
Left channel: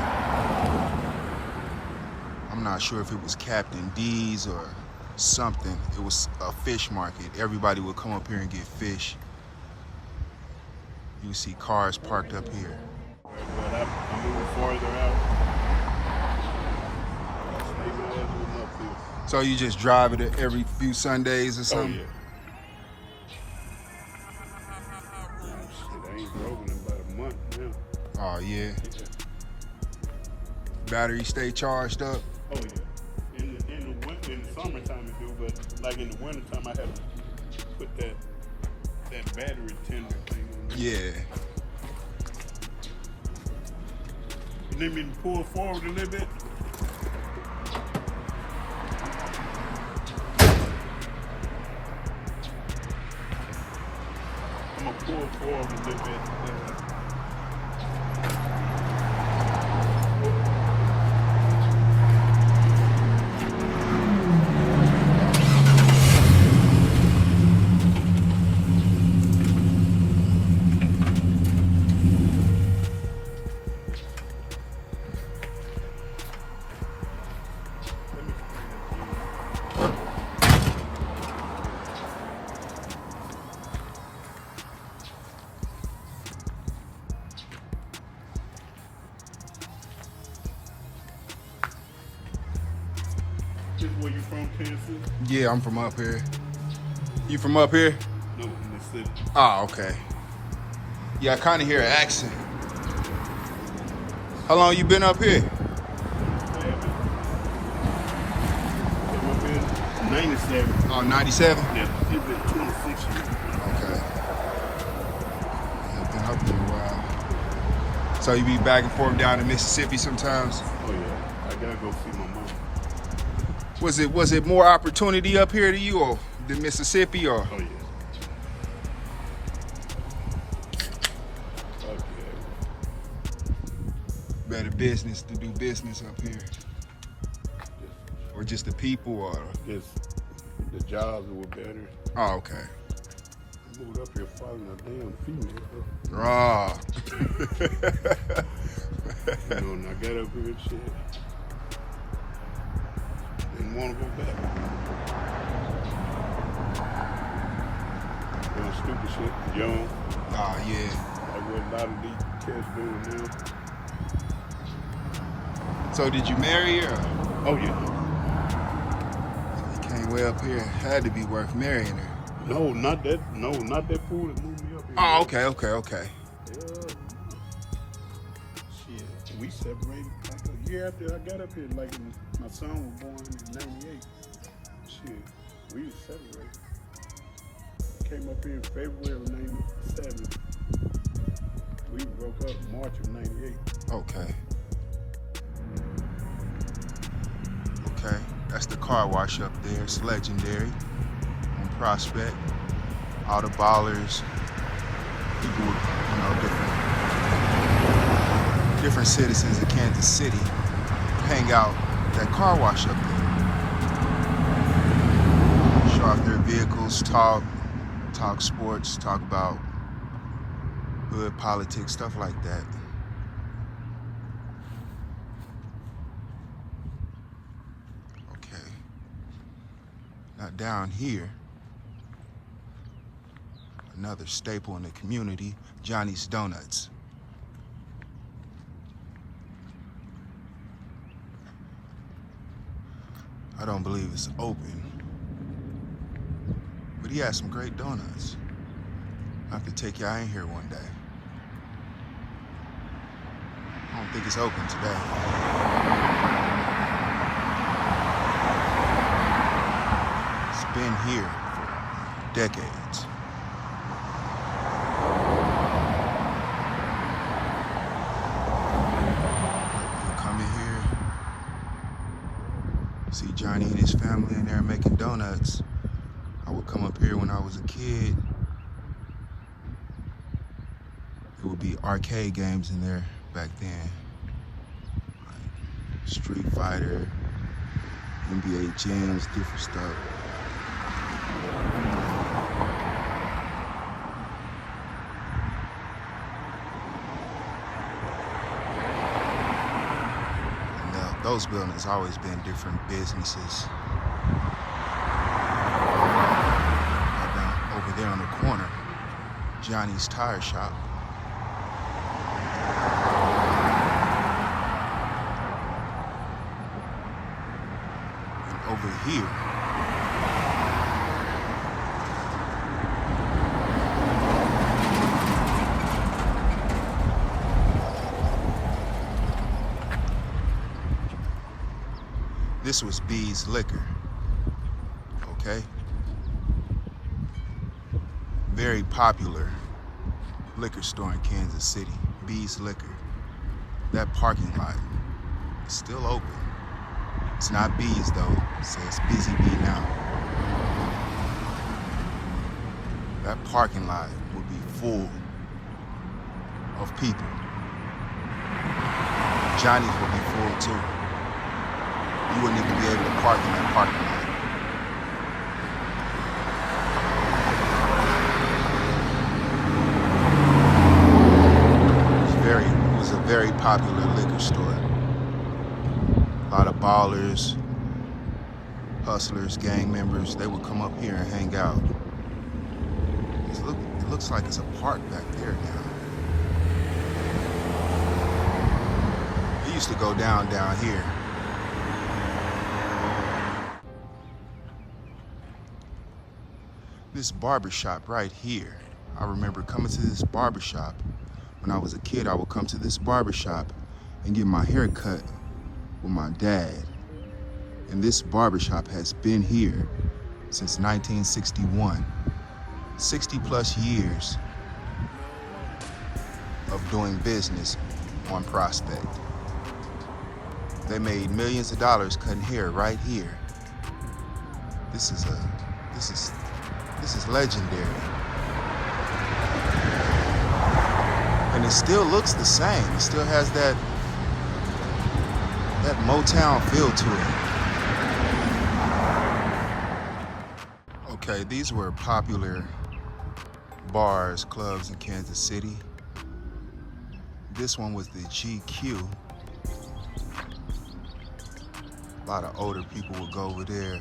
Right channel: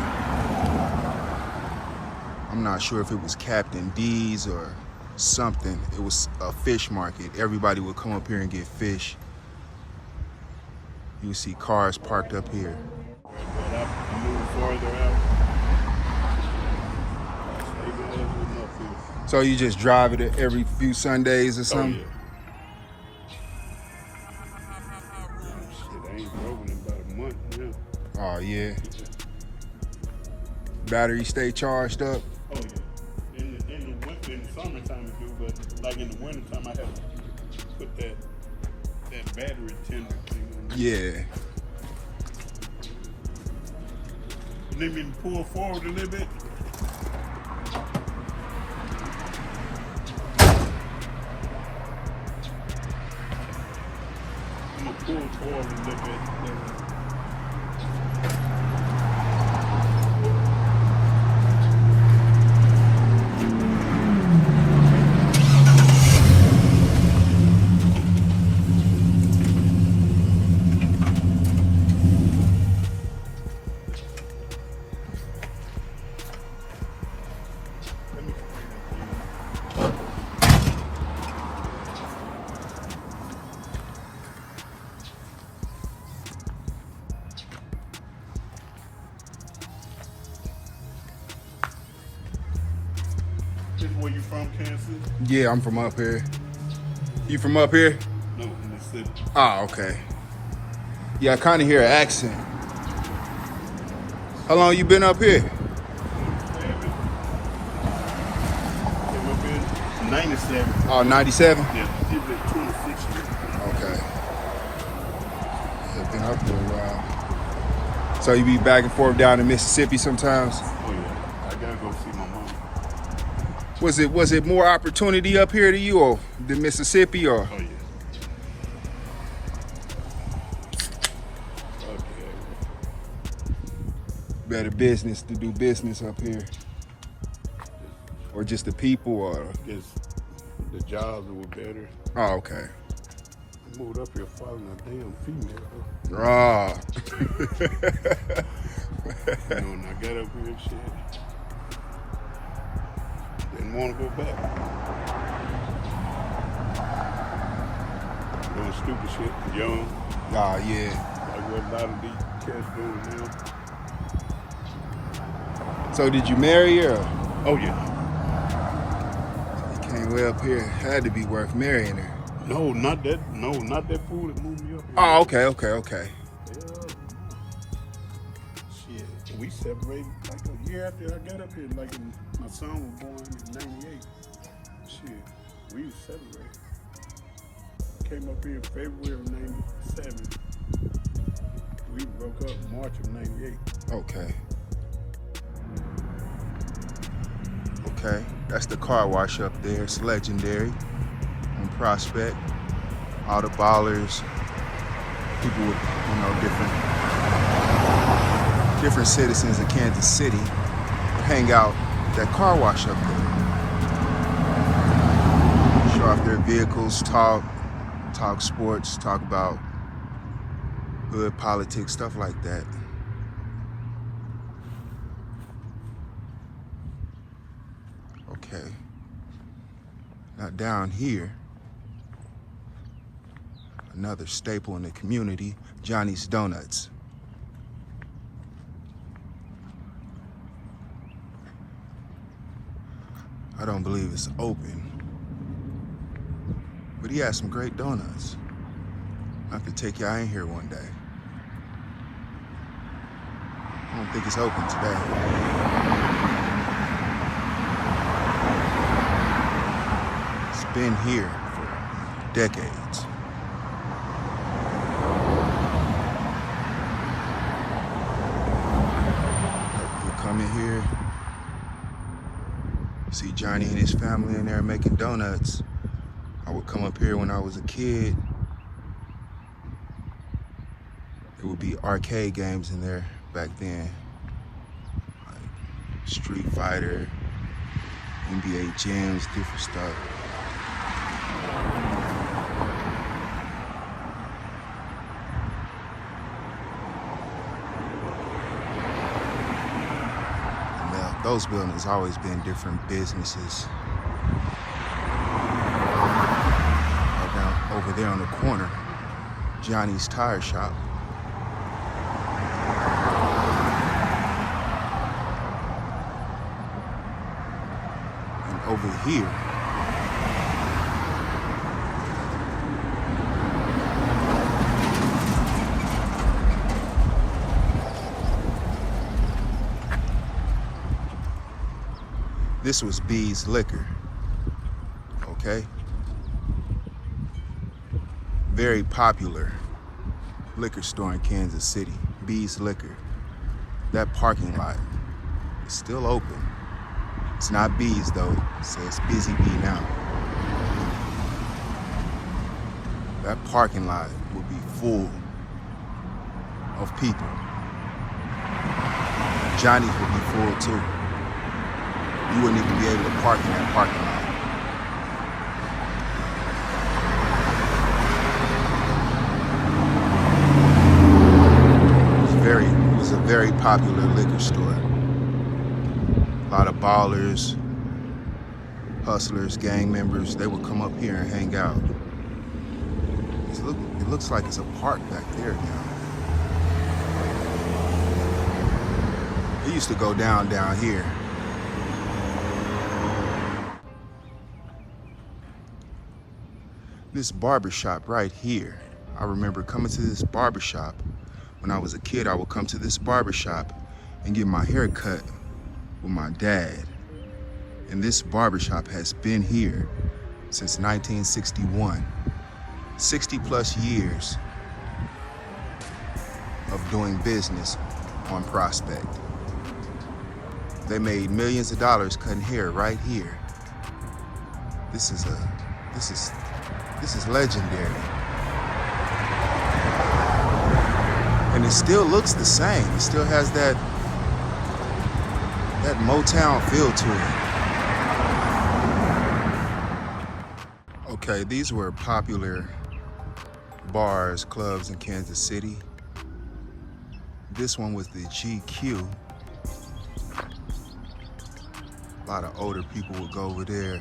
I'm not sure if it was Captain D's or something. It was a fish market. Everybody would come up here and get fish. You would see cars parked up here. I'm moving farther out. So you just drive it every few Sundays or something? Oh, yeah. Shit, I ain't drove in about a month now. Oh, yeah. Battery stay charged up? Oh, yeah. In the summertime to do, but like in the wintertime, I had to put that battery tender thing on. Yeah. Let me pull forward a little bit. I'm gonna pull forward a little bit. Where you from, Kansas? Yeah, I'm from up here. You from up here? No, Mississippi. Oh, okay. Yeah, I kind of hear an accent. How long you been up here? 97. Oh, 97? Yeah, it's been 26 years. Okay. I've been up here a while. So you be back and forth down to Mississippi sometimes? Oh yeah, I gotta go see my mom. Was it more opportunity up here to you or than Mississippi or? Oh yeah. Better business to do business up here? Or just the people or? It's, the jobs were better. Oh, okay. I moved up here following a damn female. Raw. You know, when I get up here and shit, didn't want to go back. Doing stupid shit, young. Oh, yeah. There wasn't a lot of deep cats doing that. So did you marry her? Oh yeah. You came way up here. Had to be worth marrying her. No, not that fool that moved me up here. Oh, okay. Yeah. Shit, we separated like a year after I got up here. Like my son was born in '98. Shit, we separated. Came up here in February of '97. We broke up March of '98. Okay. Okay, that's the car wash up there. It's legendary on Prospect. All the ballers, people with, you know, different citizens of Kansas City hang out that car wash up there. Show off their vehicles, talk, talk sports, talk about hood politics, stuff like that. Okay. Now down here, another staple in the community, Johnny's Donuts. I don't believe it's open, but he has some great donuts. I have to take y'all in here one day. I don't think it's open today. It's been here for decades. We'll come in here, see Johnny and his family in there making donuts. I would come up here when I was a kid. There would be arcade games in there back then, like Street Fighter, NBA Jams, different stuff. Now, those buildings always been different businesses. Right down over there on the corner, Johnny's Tire Shop. Over here, this was B's Liquor, okay? Very popular liquor store in Kansas City, B's Liquor. That parking lot is still open. It's not B's though, it says Busy Bee now. That parking lot would be full of people. Johnny's would be full too. You wouldn't even be able to park in that parking lot. It was a very popular liquor store. A lot of ballers, hustlers, gang members, they would come up here and hang out. It looks like it's a park back there now. It used to go down here. This barbershop right here. I remember coming to this barbershop. When I was a kid, I would come to this barbershop and get my hair cut with my dad. And this barbershop has been here since 1961. 60 plus years of doing business on Prospect. They made millions of dollars cutting hair right here. This is legendary. And it still looks the same. It still has that Motown feel to it. Okay, these were popular bars, clubs in Kansas City. This one was the GQ. A lot of older people would go over there,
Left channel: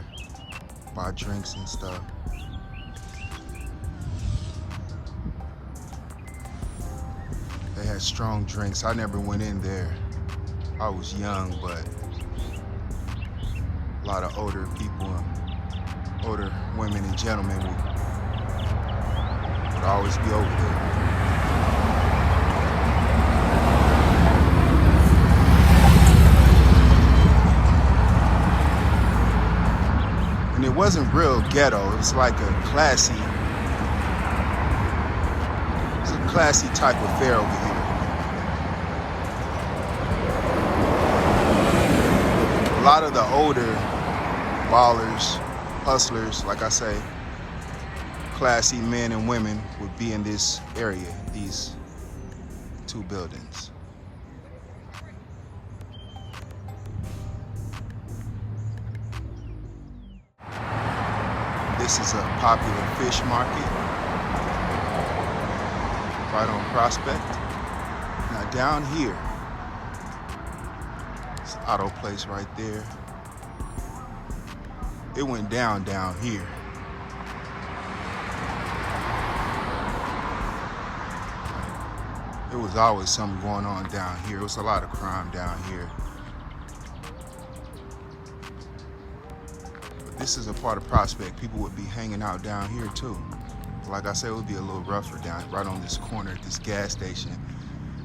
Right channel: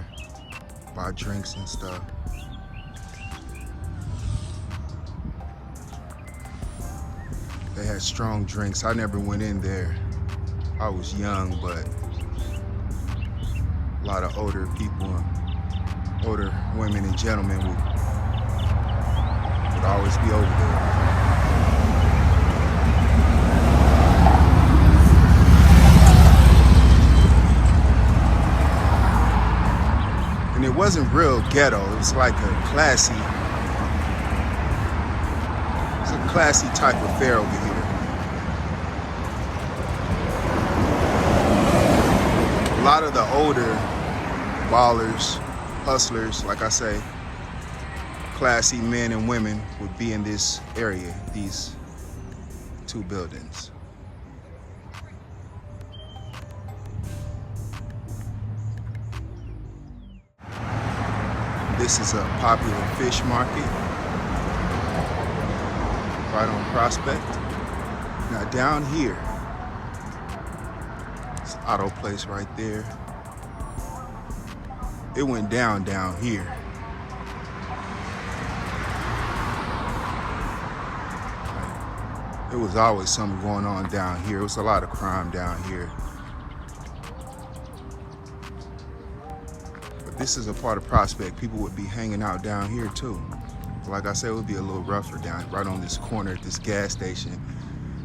buy drinks and stuff. They had strong drinks. I never went in there. I was young, but a lot of older people, older women and gentlemen would always be over there. And it wasn't real ghetto. It was like a classy type of fare over here. A lot of the older ballers, hustlers, like I say, classy men and women would be in this area, these two buildings. This is a popular fish market. right on Prospect. Now down here, it's an auto place right there. It went down here. Like, it was always something going on down here. It was a lot of crime down here. But this is a part of Prospect. People would be hanging out down here too. Like I said, it would be a little rougher down right on this corner at this gas station.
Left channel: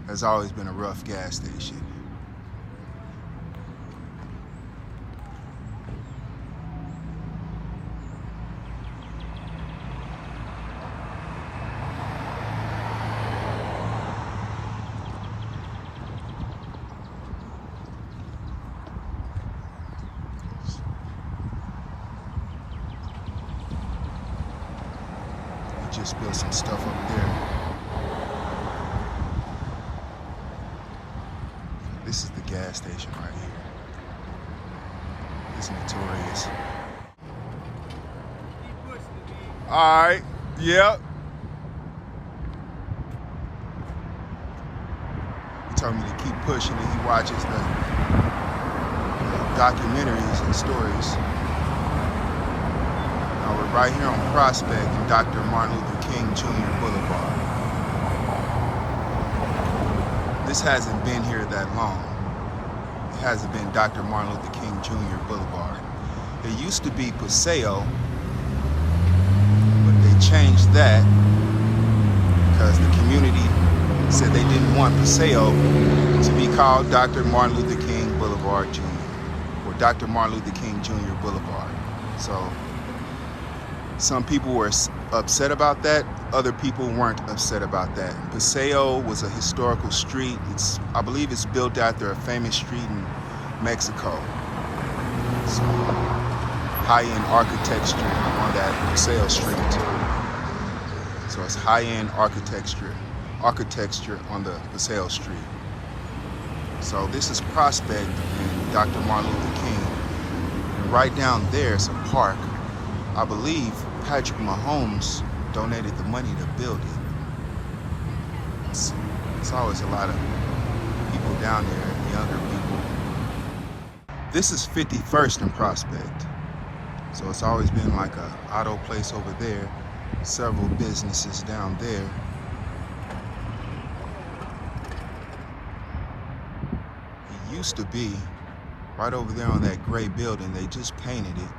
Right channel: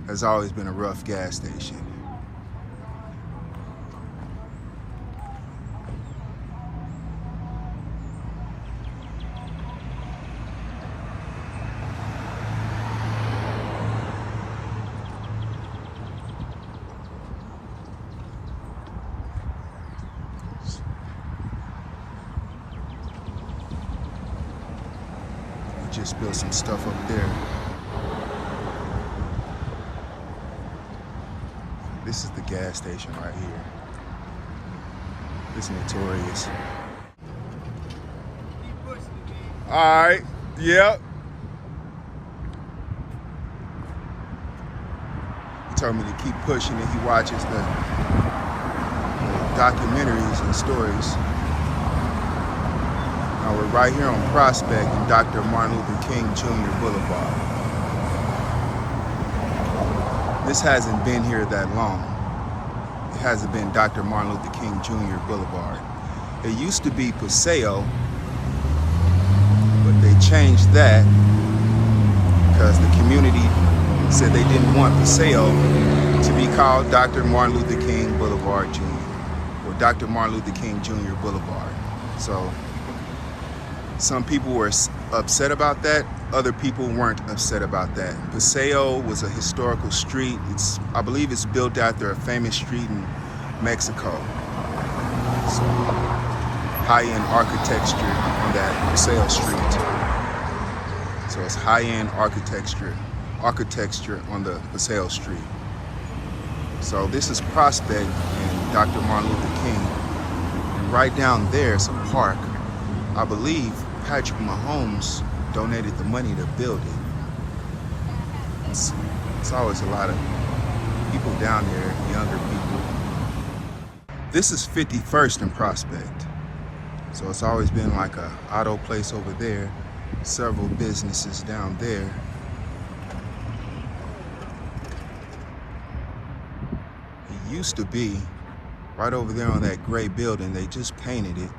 Has always been a rough gas station. Just built some stuff up there. This is the gas station right here. It's notorious. All right, yep. He told me to keep pushing and he watches the documentaries and stories. Now we're right here on Prospect and Dr. Martin Luther King Jr. Boulevard. This hasn't been here that long. It hasn't been Dr. Martin Luther King Jr. Boulevard. It used to be Paseo, but they changed that because the community said they didn't want Paseo to be called Dr. Martin Luther King Boulevard Jr. or Dr. Martin Luther King Jr. Boulevard. So some people were upset about that. Other people weren't upset about that. Paseo was a historical street. I believe it's built after a famous street in Mexico. So high-end architecture on that Paseo street. So it's high-end architecture on the Paseo street. So this is Prospect and Dr. Martin Luther King. And right down there is a park. I believe Patrick Mahomes donated the money to build it. It's always a lot of people down there, younger people. This is 51st and Prospect. So it's always been like a auto place over there, several businesses down there. It used to be right over there on that gray building. They just painted it.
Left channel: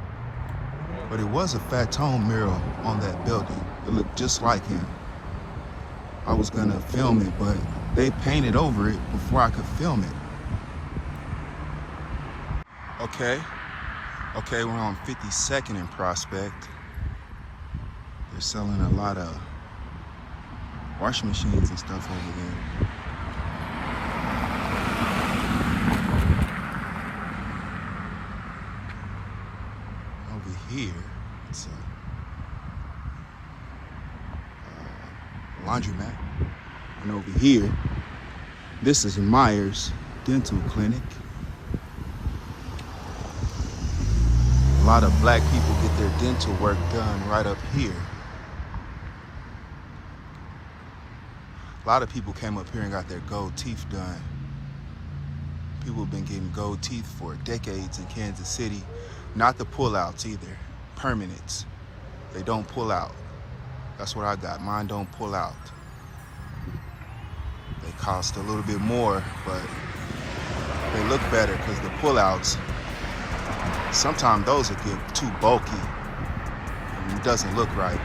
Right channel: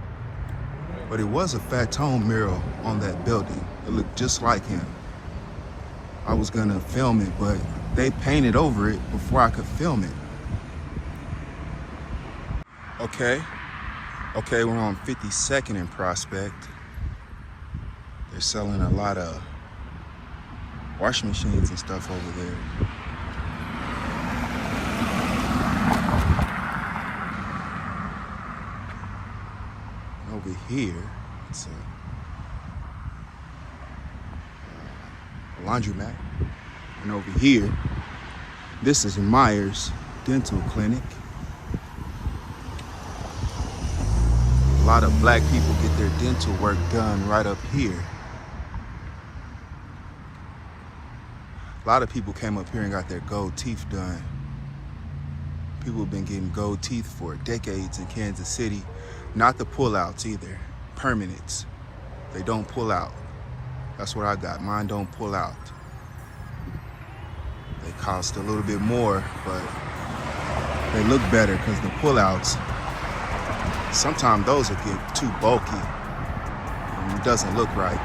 But it was a Fat Tone mural on that building. It looked just like him. I was gonna film it, but they painted over it before I could film it. Okay, we're on 52nd and Prospect. They're selling a lot of washing machines and stuff over there. Over here, it's a laundromat. And over here, this is Myers Dental Clinic. A lot of black people get their dental work done right up here. A lot of people came up here and got their gold teeth done. People have been getting gold teeth for decades in Kansas City. Not the pullouts either, permanents. They don't pull out. That's what I got, mine don't pull out. They cost a little bit more, but they look better because the pullouts, sometimes those will get too bulky and it doesn't look right.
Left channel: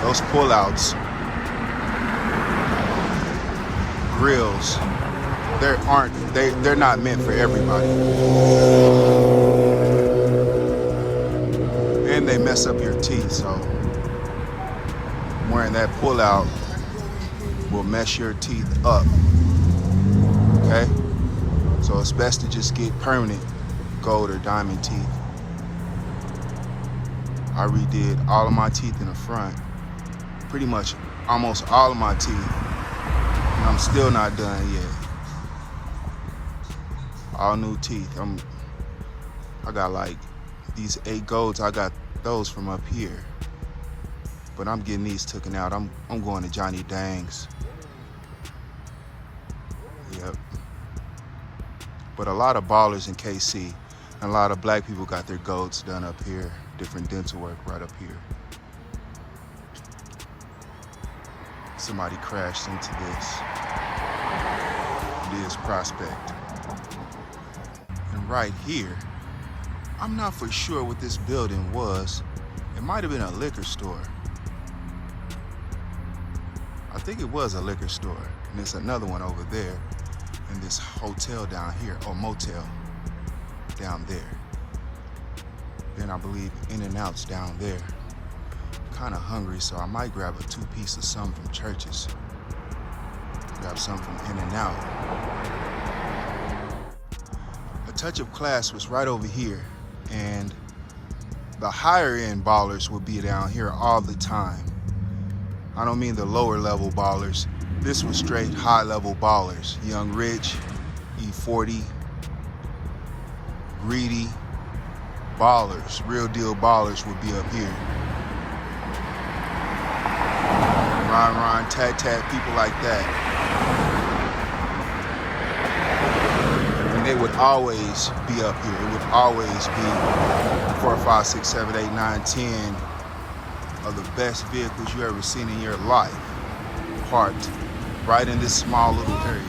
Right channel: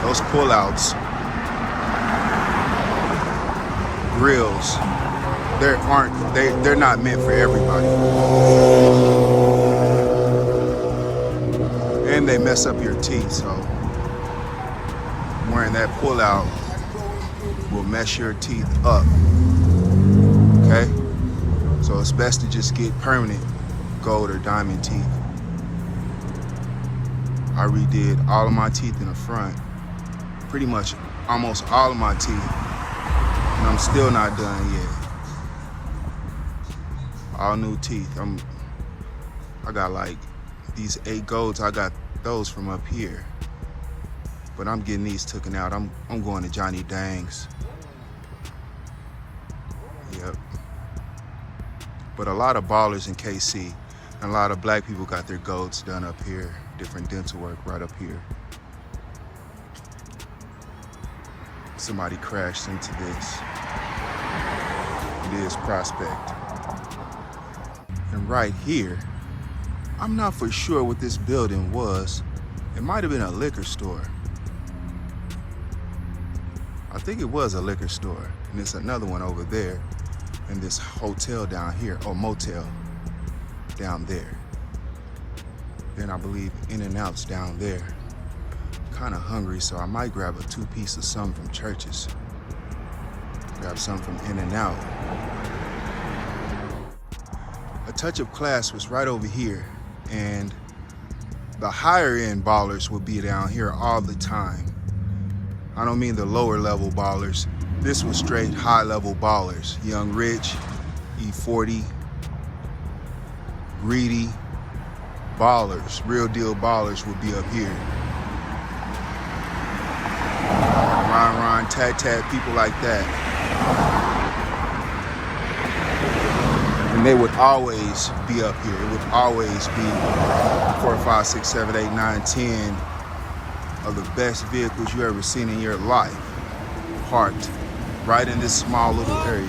Those pullouts, grills, they're not meant for everybody. And they mess up your teeth, so wearing that pullout will mess your teeth up. Okay? So it's best to just get permanent gold or diamond teeth. I redid all of my teeth in the front, pretty much almost all of my teeth, and I'm still not done yet. All new teeth. I got like these 8 golds, I got those from up here. but I'm getting these taken out. I'm going to Johnny Dang's. Yep. But a lot of ballers in KC, and a lot of black people got their goats done up here. Different dental work right up here. Somebody crashed into this. It is Prospect. And right here, I'm not for sure what this building was. It might have been a liquor store. I think it was a liquor store. And there's another one over there. And this hotel down here, or motel down there. Then I believe In-N-Out's down there. Kind of hungry, so I might grab a 2-piece of something from Church's. Grab something from In-N-Out. A touch of class was right over here, and the higher end ballers would be down here all the time. I don't mean the lower level ballers. This was straight high level ballers. Young Rich, E40, Greedy, ballers, real deal ballers would be up here. Ron, Tat, people like that. And they would always be up here. It would always be 4, 5, 6, 7, 8, 9, 10 of the best vehicles you ever seen in your life parked right in this small little area.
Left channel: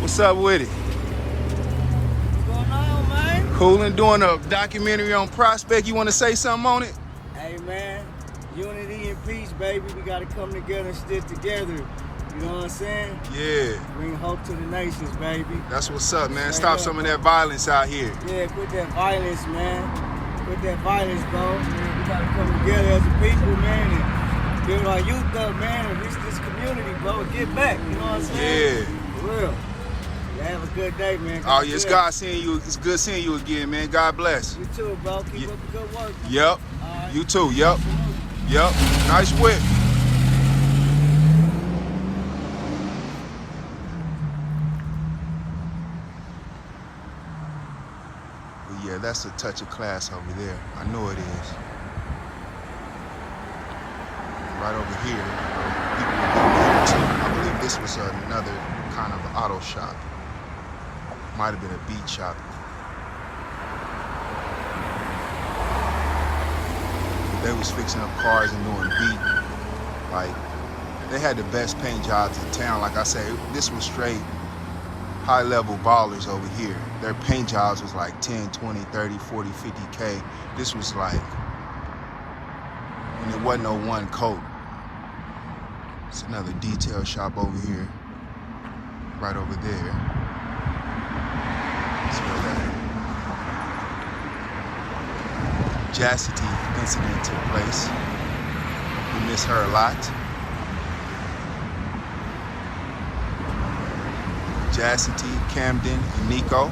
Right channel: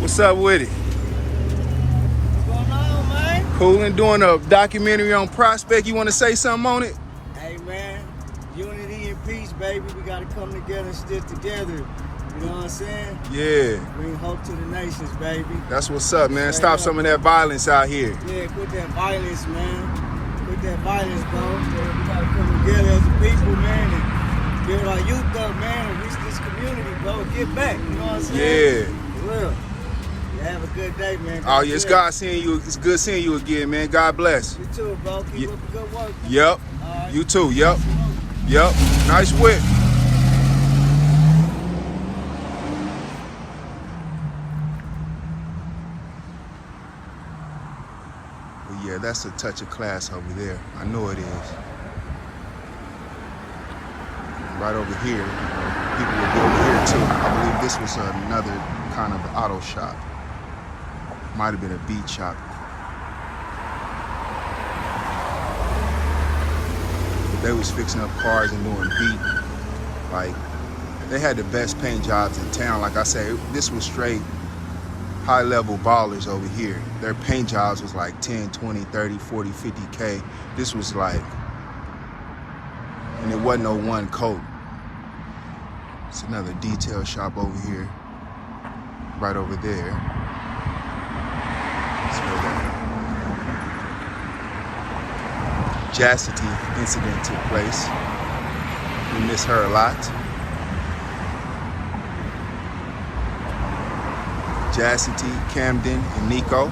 What's up with it? What's going on, man? Cool, and doing a documentary on Prospect. You want to say something on it? Hey, man, unity and peace, baby. We got to come together and stick together. You know what I'm saying? Yeah. Bring hope to the nations, baby. That's what's up, man. Straight Stop up, some of bro. that violence out here. Yeah, quit that violence, man. Quit that violence, bro. Man, we got to come together as a people, man, and build our youth up, man, and reach this community, bro, and get back. You know what I'm saying? Yeah. For real. Yeah, have a good day, man. Oh, yeah, it's God seeing you. It's good seeing you again, man. God bless. You too, bro. Keep Yeah. up the good work. Man. Yep. All right. You too. Yep. Salute. Yep. Nice whip. But yeah, that's a touch of class over there. I know it is. Right over here, you know, people would be over here too. I believe this was another kind of auto shop. Might have been a beat shop. But they was fixing up cars and doing beat. Like, they had the best paint jobs in town. Like I said, this was straight high level ballers over here. Their paint jobs was like 10, 20, 30, 40, 50K. This was like, and it wasn't no one coat. It's another detail shop over here. Right over there. See where that Chastity incident took place. We miss her a lot. Chastity, Camden, and Nico.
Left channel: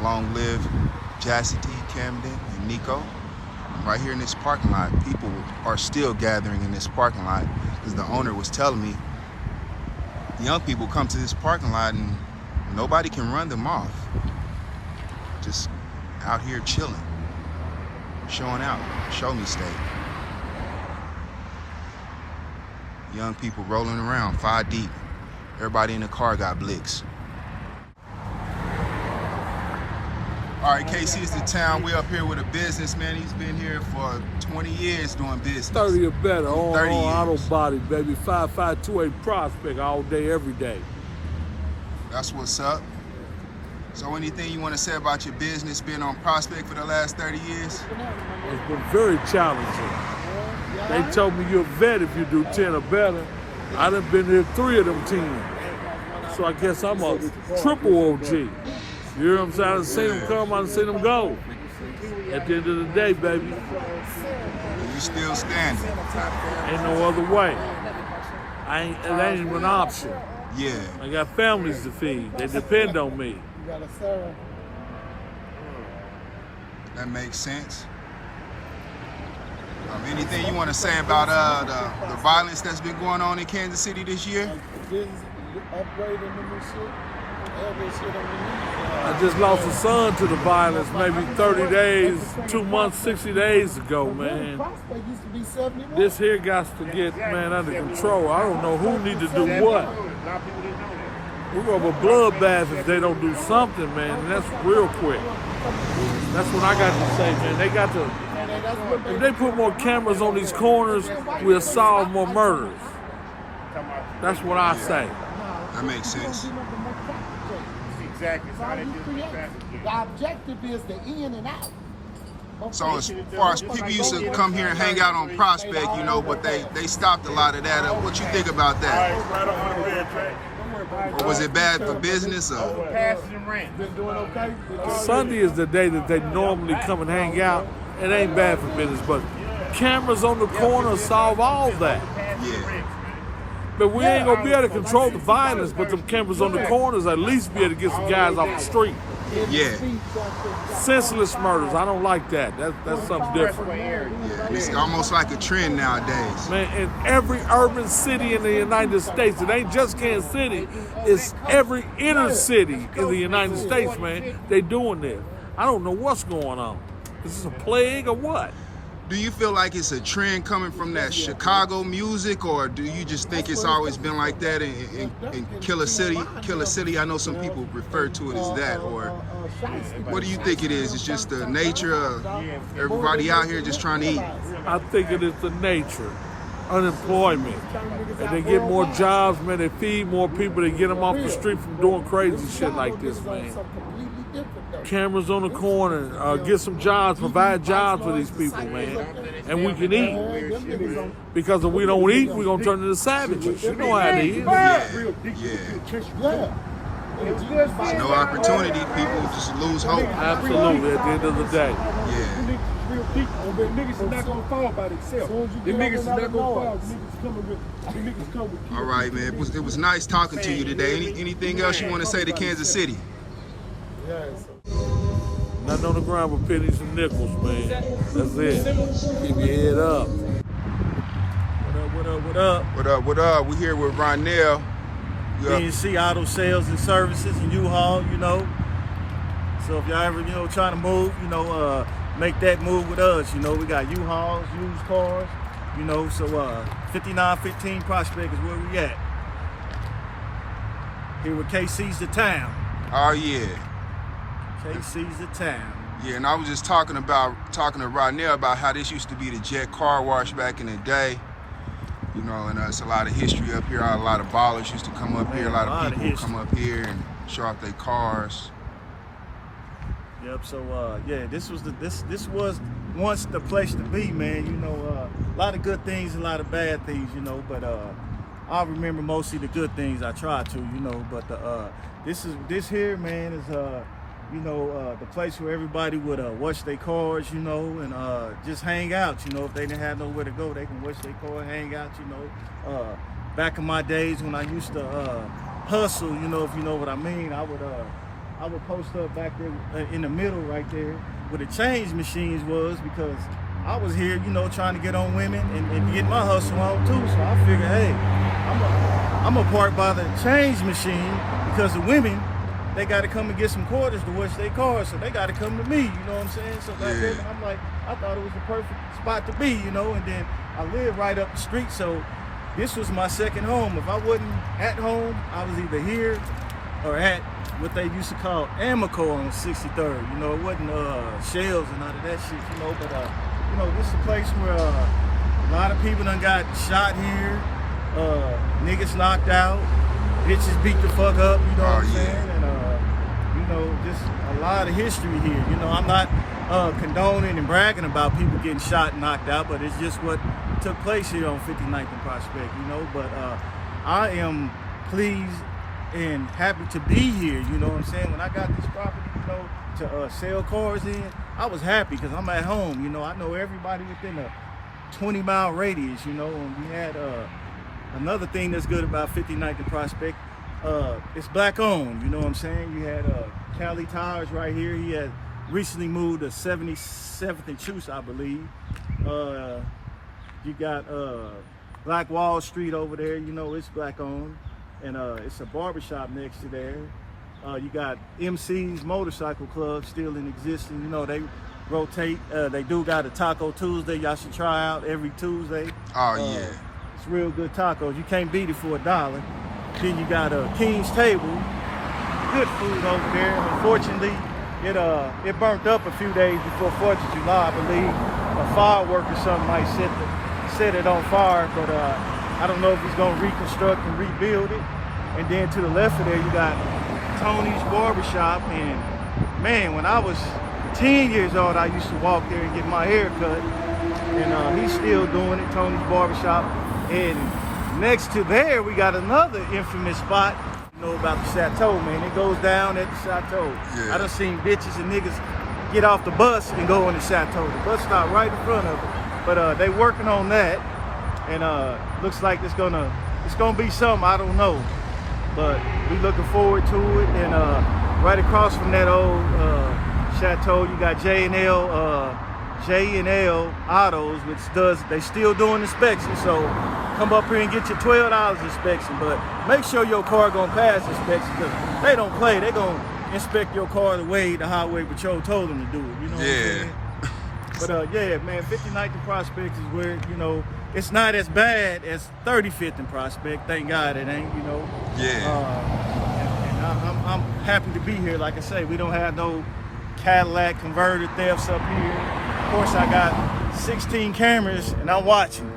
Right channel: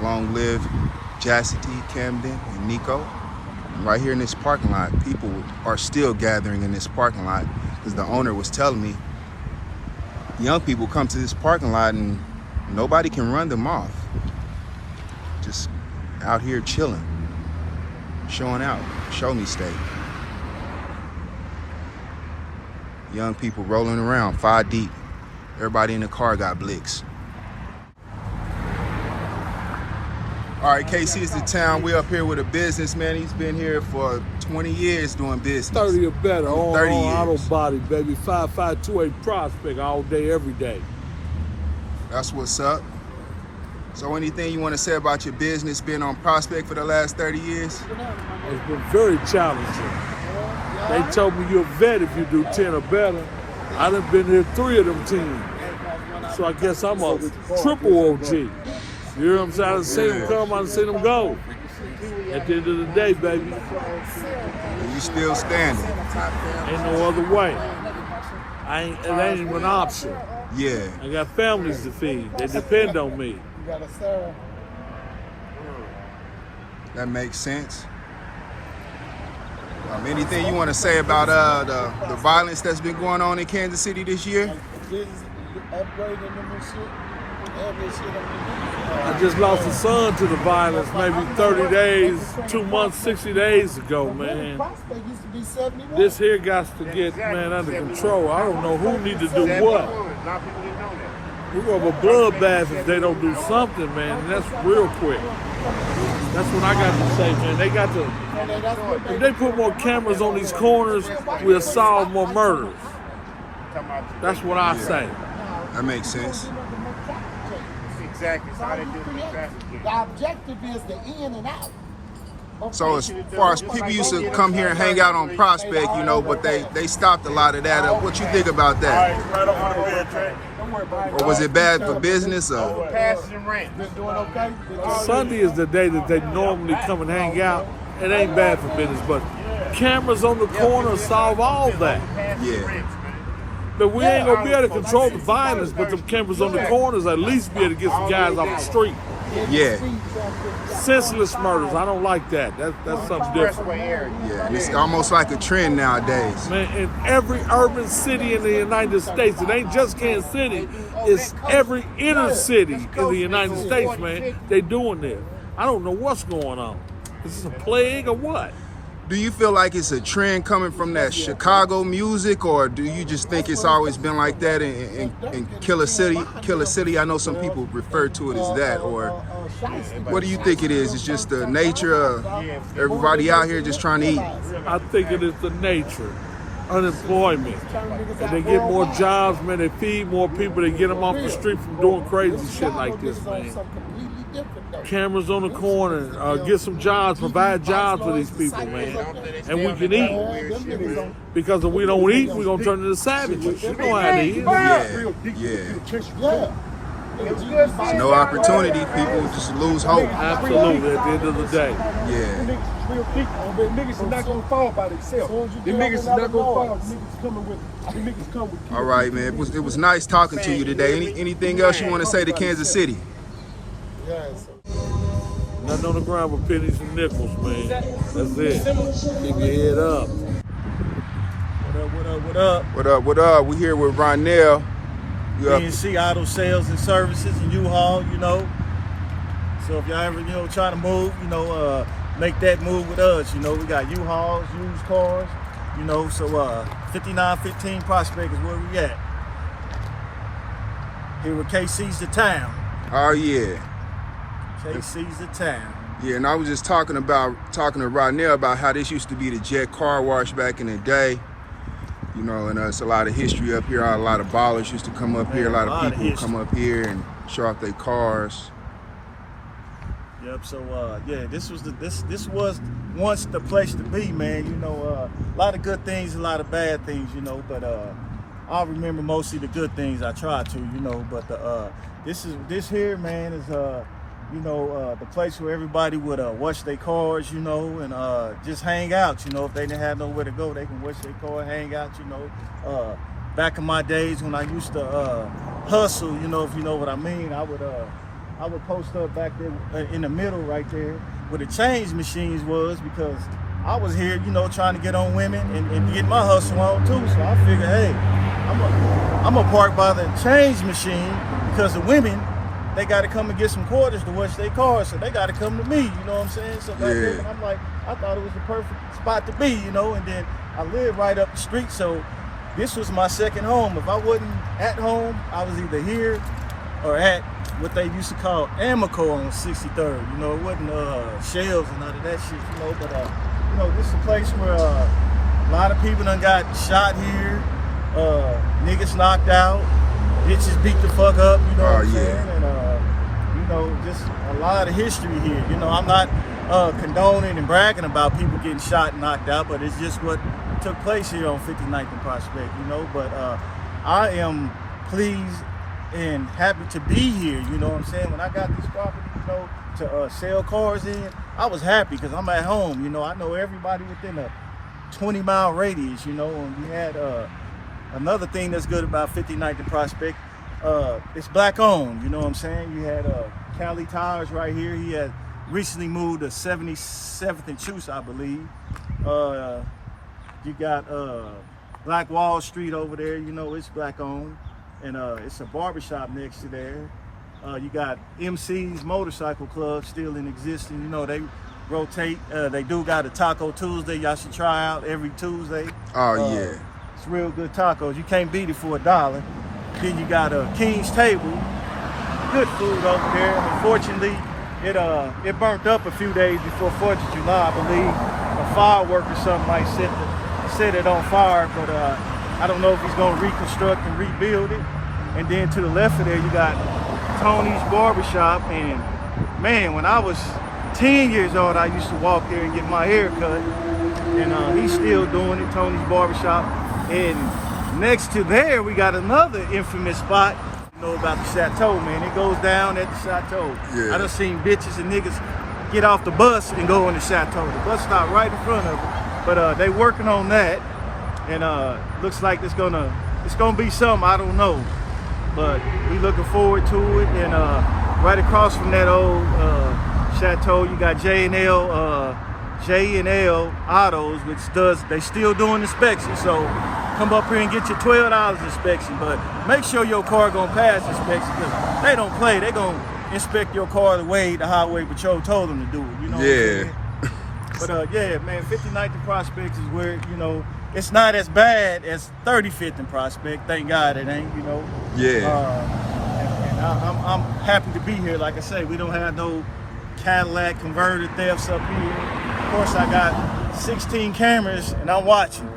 Long live Chastity, Camden, and Nico. Right here in this parking lot, people are still gathering in this parking lot because the owner was telling me young people come to this parking lot and nobody can run them off. Just out here chilling, showing out, show me state. Young people rolling around 5 deep. Everybody in the car got blicks. All right, kcisthetown. We up here with a businessman. He's been here for 20 years doing business. 30 or better, on 30 auto years. body, baby. 5528 Prospect all day, every day. That's what's up. So anything you want to say about your business being on Prospect for the last 30 years? It's been very challenging. They told me you're a vet if you do 10 or better. I done been here 3 of them 10. So I guess I'm a triple OG. You hear what I'm saying? I done seen them come, I done seen them go. At the end of the day, baby, And you still standing? ain't no other way. It ain't even an option. Yeah. I got families to feed. They depend on me. That makes sense. Anything you want to say about the violence that's been going on in Kansas City this year? I just lost a son to the violence maybe 30 days, 2 months, 60 days ago, man. This here got to get, man, under control. I don't know who need to do what. We're going to have a bloodbath if they don't do something, man, and that's real quick. That's what I got to say, man. They got to, if they put more cameras on these corners, we'll solve more murders. That's what I say. That makes sense. Exactly. The objective is the in and out. So as far as people used to come here and hang out on Prospect, you know, but they stopped a lot of that. What you think about that? Or was it bad for business? Sunday is the day that they normally come and hang out. It ain't bad for business, but cameras on the corner solve all that. Yeah. But we ain't gonna be able to control the violence, but the cameras on the corners at least be able to get some guys off the street. Yeah. Senseless murders, I don't like that. That's something different. Yeah, and it's almost like a trend nowadays. Man, in every urban city in the United States, it ain't just Kansas City, it's every inner city in the United States, man. They doing this. I don't know what's going on. Is this a plague or what? Do you feel like it's a trend coming from that Chicago music, or do you just think it's always been like that in Killa City? Killa City, I know some people refer to it as that, or what do you think it is? It's just the nature of everybody out here just trying to eat? I think it is the nature, unemployment. And they get more jobs, man, they feed more people, they get them off the street from doing crazy shit like this, man. Cameras on the corner, get some jobs, provide jobs for these people, man. And we can eat. Because if we don't eat, we're going to turn into savages. You know how it is. Yeah. There's no opportunity. People just lose hope. Absolutely, at the end of the day. Yeah. Niggas is not gonna fall by themselves. The niggas is not gonna fall. The niggas coming with. The niggas come with. All right, man. It was nice talking to you today. Anything else you want to say to Kansas City? Nothing on the ground but pennies and nickels, man. That's it. Keep your head up. What up? We here with Ronell. BNC Auto Sales and Services and U-Haul, you know. So if y'all ever, trying to move, make that move with us. We got U-Hauls, used cars, so 5915 Prospect is where we at. Here with kcisthetown. Oh, yeah. kcisthetown. Yeah, and I was just talking to Ronell about how this used to be the Jet Car Wash back in the day. And it's a lot of history up here. A lot of ballers used to come up here. A lot of people would come up here and show off their cars. Yep. So this was once the place to be, man. A lot of good things, a lot of bad things, but I remember mostly the good things. I try to, but this here, man, is the place where everybody would wash their cars, and just hang out. If they didn't have nowhere to go, they can wash their car, hang out. Back in my days when I used to hustle, if you know what I mean, I would post up back there in the middle right there where the change machines was, because I was here, trying to get on women and get my hustle on too. So I figured, hey, I'm a park by the change machine, because the women, they got to come and get some quarters to wash their cars, so they got to come to me, you know what I'm saying? So back then, I'm like, I thought it was the perfect spot to be, and then I live right up the street, so this was my second home. If I wasn't at home, I was either here or at what they used to call Amico on 63rd. It wasn't shells and none of that shit, but this is a place where a lot of people done got shot here, niggas knocked out, bitches beat the fuck up, you know what I'm saying? And just a lot of history here. I'm not condoning and bragging about people getting shot and knocked out, but it's just what took place here on 59th and Prospect, but I am pleased and happy to be here, you know what I'm saying? When I got this property, to sell cars in, I was happy because I'm at home, I know everybody within a 20-mile radius, and we had another thing that's good about 59th and Prospect, it's black owned, you know what I'm saying? You had Cali Tires right here. He had recently moved to 77th and Chuse, I believe. You got Black Wall Street over there, it's black owned. And it's a barbershop next to there. You got MC's Motorcycle Club still in existence. You know, they rotate. They do got a Taco Tuesday. Y'all should try out every Tuesday. Oh yeah. It's real good tacos. You can't beat it for $1. Then you got a King's Table. Good food up there. Unfortunately, it burnt up a few days before 4th of July, I believe. The firework or something like set it on fire, but I don't know if it's gonna reconstruct and rebuild it. And then to the left of there, you got Tony's Barbershop. And man, when I was 10 years old, I used to walk there and get my hair cut. And he's still doing it, Tony's Barbershop. And next to there, we got another infamous spot. You know about the Chateau, man. It goes down at the Chateau. Yeah. I done seen bitches and niggas get off the bus and go in the Chateau. The bus stop right in front of it. But they working on that. And looks like it's gonna be something, I don't know. But we looking forward to it. And right across from that old Chateau, you got J&L Autos, which they still doing inspection. So come up here and get your $12 inspection. But make sure your car gonna pass inspection. They don't play. They gonna inspect your car the way the Highway Patrol told them to do it. You know what I'm saying? But yeah, man, 59th and Prospect is where, you know, it's not as bad as 35th and Prospect. Thank God it ain't, you know. Yeah. And I'm happy to be here. Like I say, we don't have no Cadillac converter thefts up here. Of course, I got 16 cameras and I'm watching,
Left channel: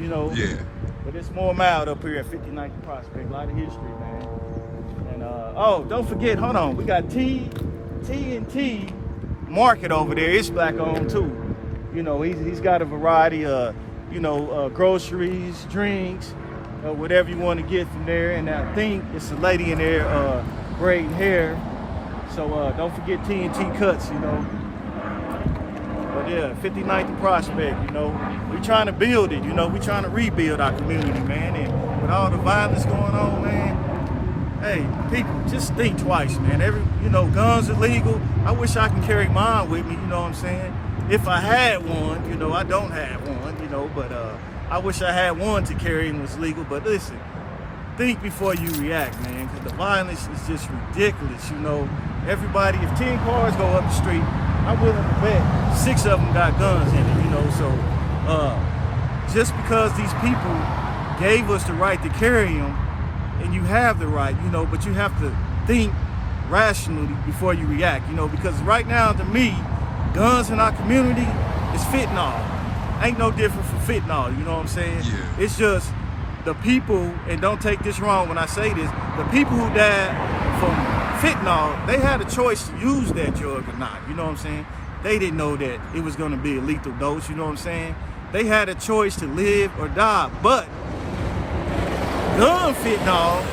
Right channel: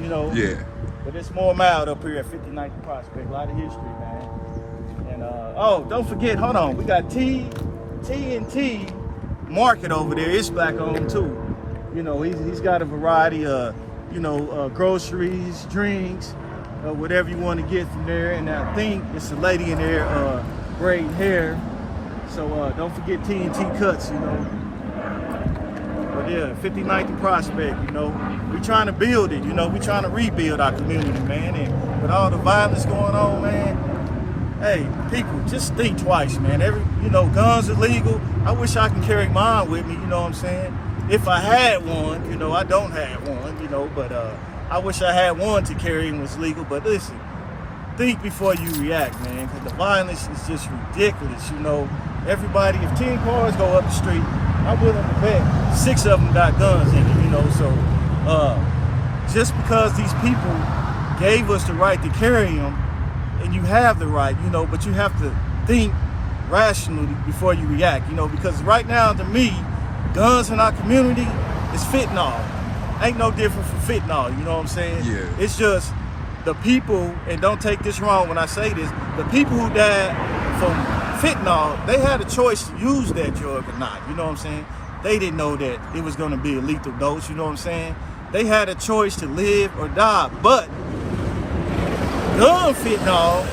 you know. Yeah. But it's more mild up here at 59th and Prospect. A lot of history, man. And oh, don't forget, hold on, we got T&T Market over there. It's black owned too. You know, he's got a variety of, you know, groceries, drinks, whatever you want to get from there. And I think it's a lady in there braiding hair. So don't forget T&T Cuts, you know. But yeah, 59th and Prospect, you know. We're trying to build it, you know. We're trying to rebuild our community, man. And with all the violence going on, man, hey, people, just think twice, man. You know, guns are legal. I wish I can carry mine with me, you know what I'm saying? If I had one, you know, I don't have one, you know, but I wish I had one to carry and was legal. But listen, think before you react, man, because the violence is just ridiculous, you know. Everybody, if 10 cars go up the street, I'm willing to bet 6 of them got guns in it, you know. So just because these people gave us the right to carry them, and you have the right, you know, but you have to think rationally before you react, you know, because right now, to me, guns in our community is fentanyl. Ain't no different from fentanyl, you know what I'm saying? Yeah. It's just the people, and don't take this wrong when I say this, the people who died from fentanyl, they had a choice to use that drug or not, you know what I'm saying? They didn't know that it was gonna be a lethal dose, you know what I'm saying? They had a choice to live or die, but gun fentanyl,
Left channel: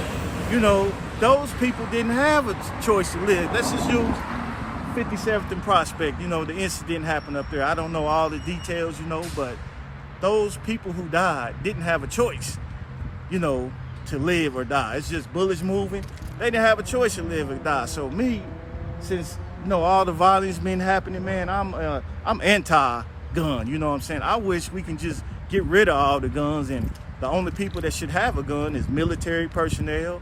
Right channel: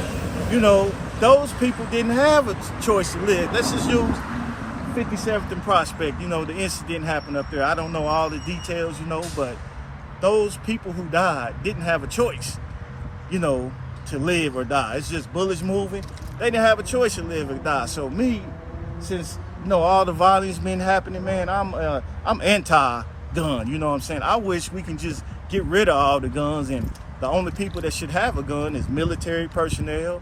you know, those people didn't have a choice to live. Let's just use 57th and Prospect, you know, the incident happened up there. I don't know all the details, you know, but those people who died didn't have a choice, you know, to live or die. It's just bullets moving. They didn't have a choice to live or die. So me, since, you know, all the violence been happening, man, I'm anti-gun, you know what I'm saying? I wish we can just get rid of all the guns, and the only people that should have a gun is military personnel,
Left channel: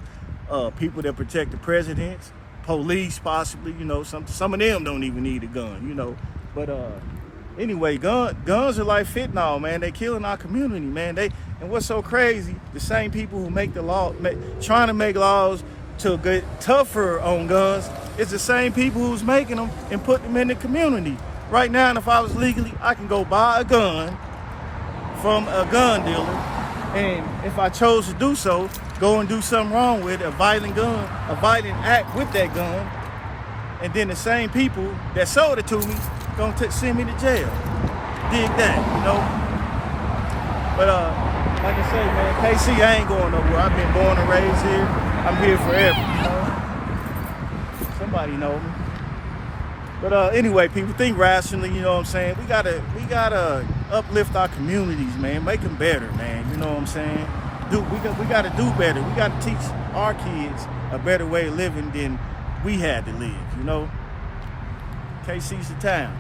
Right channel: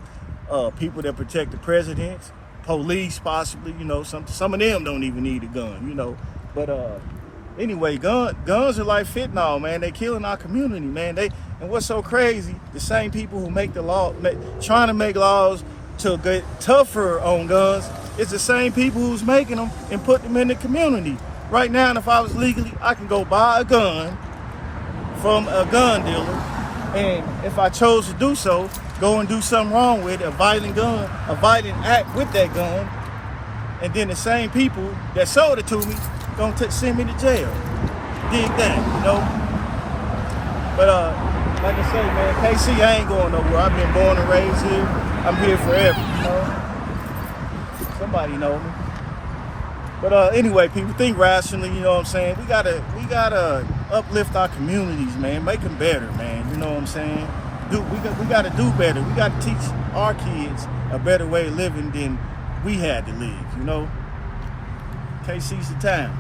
people that protect the president, police possibly, you know, some of them don't even need a gun, you know. But anyway, guns are like fentanyl, man. They killing our community, man. And what's so crazy, the same people who make the law, trying to make laws to get tougher on guns, is the same people who's making them and put them in the community. Right now, if I was legally, I can go buy a gun from a gun dealer, and if I chose to do so, go and do something wrong with a violent act with that gun, and then the same people that sold it to me gonna send me to jail. Dig that, you know? But like I say, man, KC, I ain't going nowhere. I've been born and raised here. I'm here forever, you know? Somebody know me. But anyway, people, think rationally, you know what I'm saying? We gotta uplift our communities, man. Make them better, man. You know what I'm saying? We gotta do better. We gotta teach our kids a better way of living than we had to live, you know? KC's the town.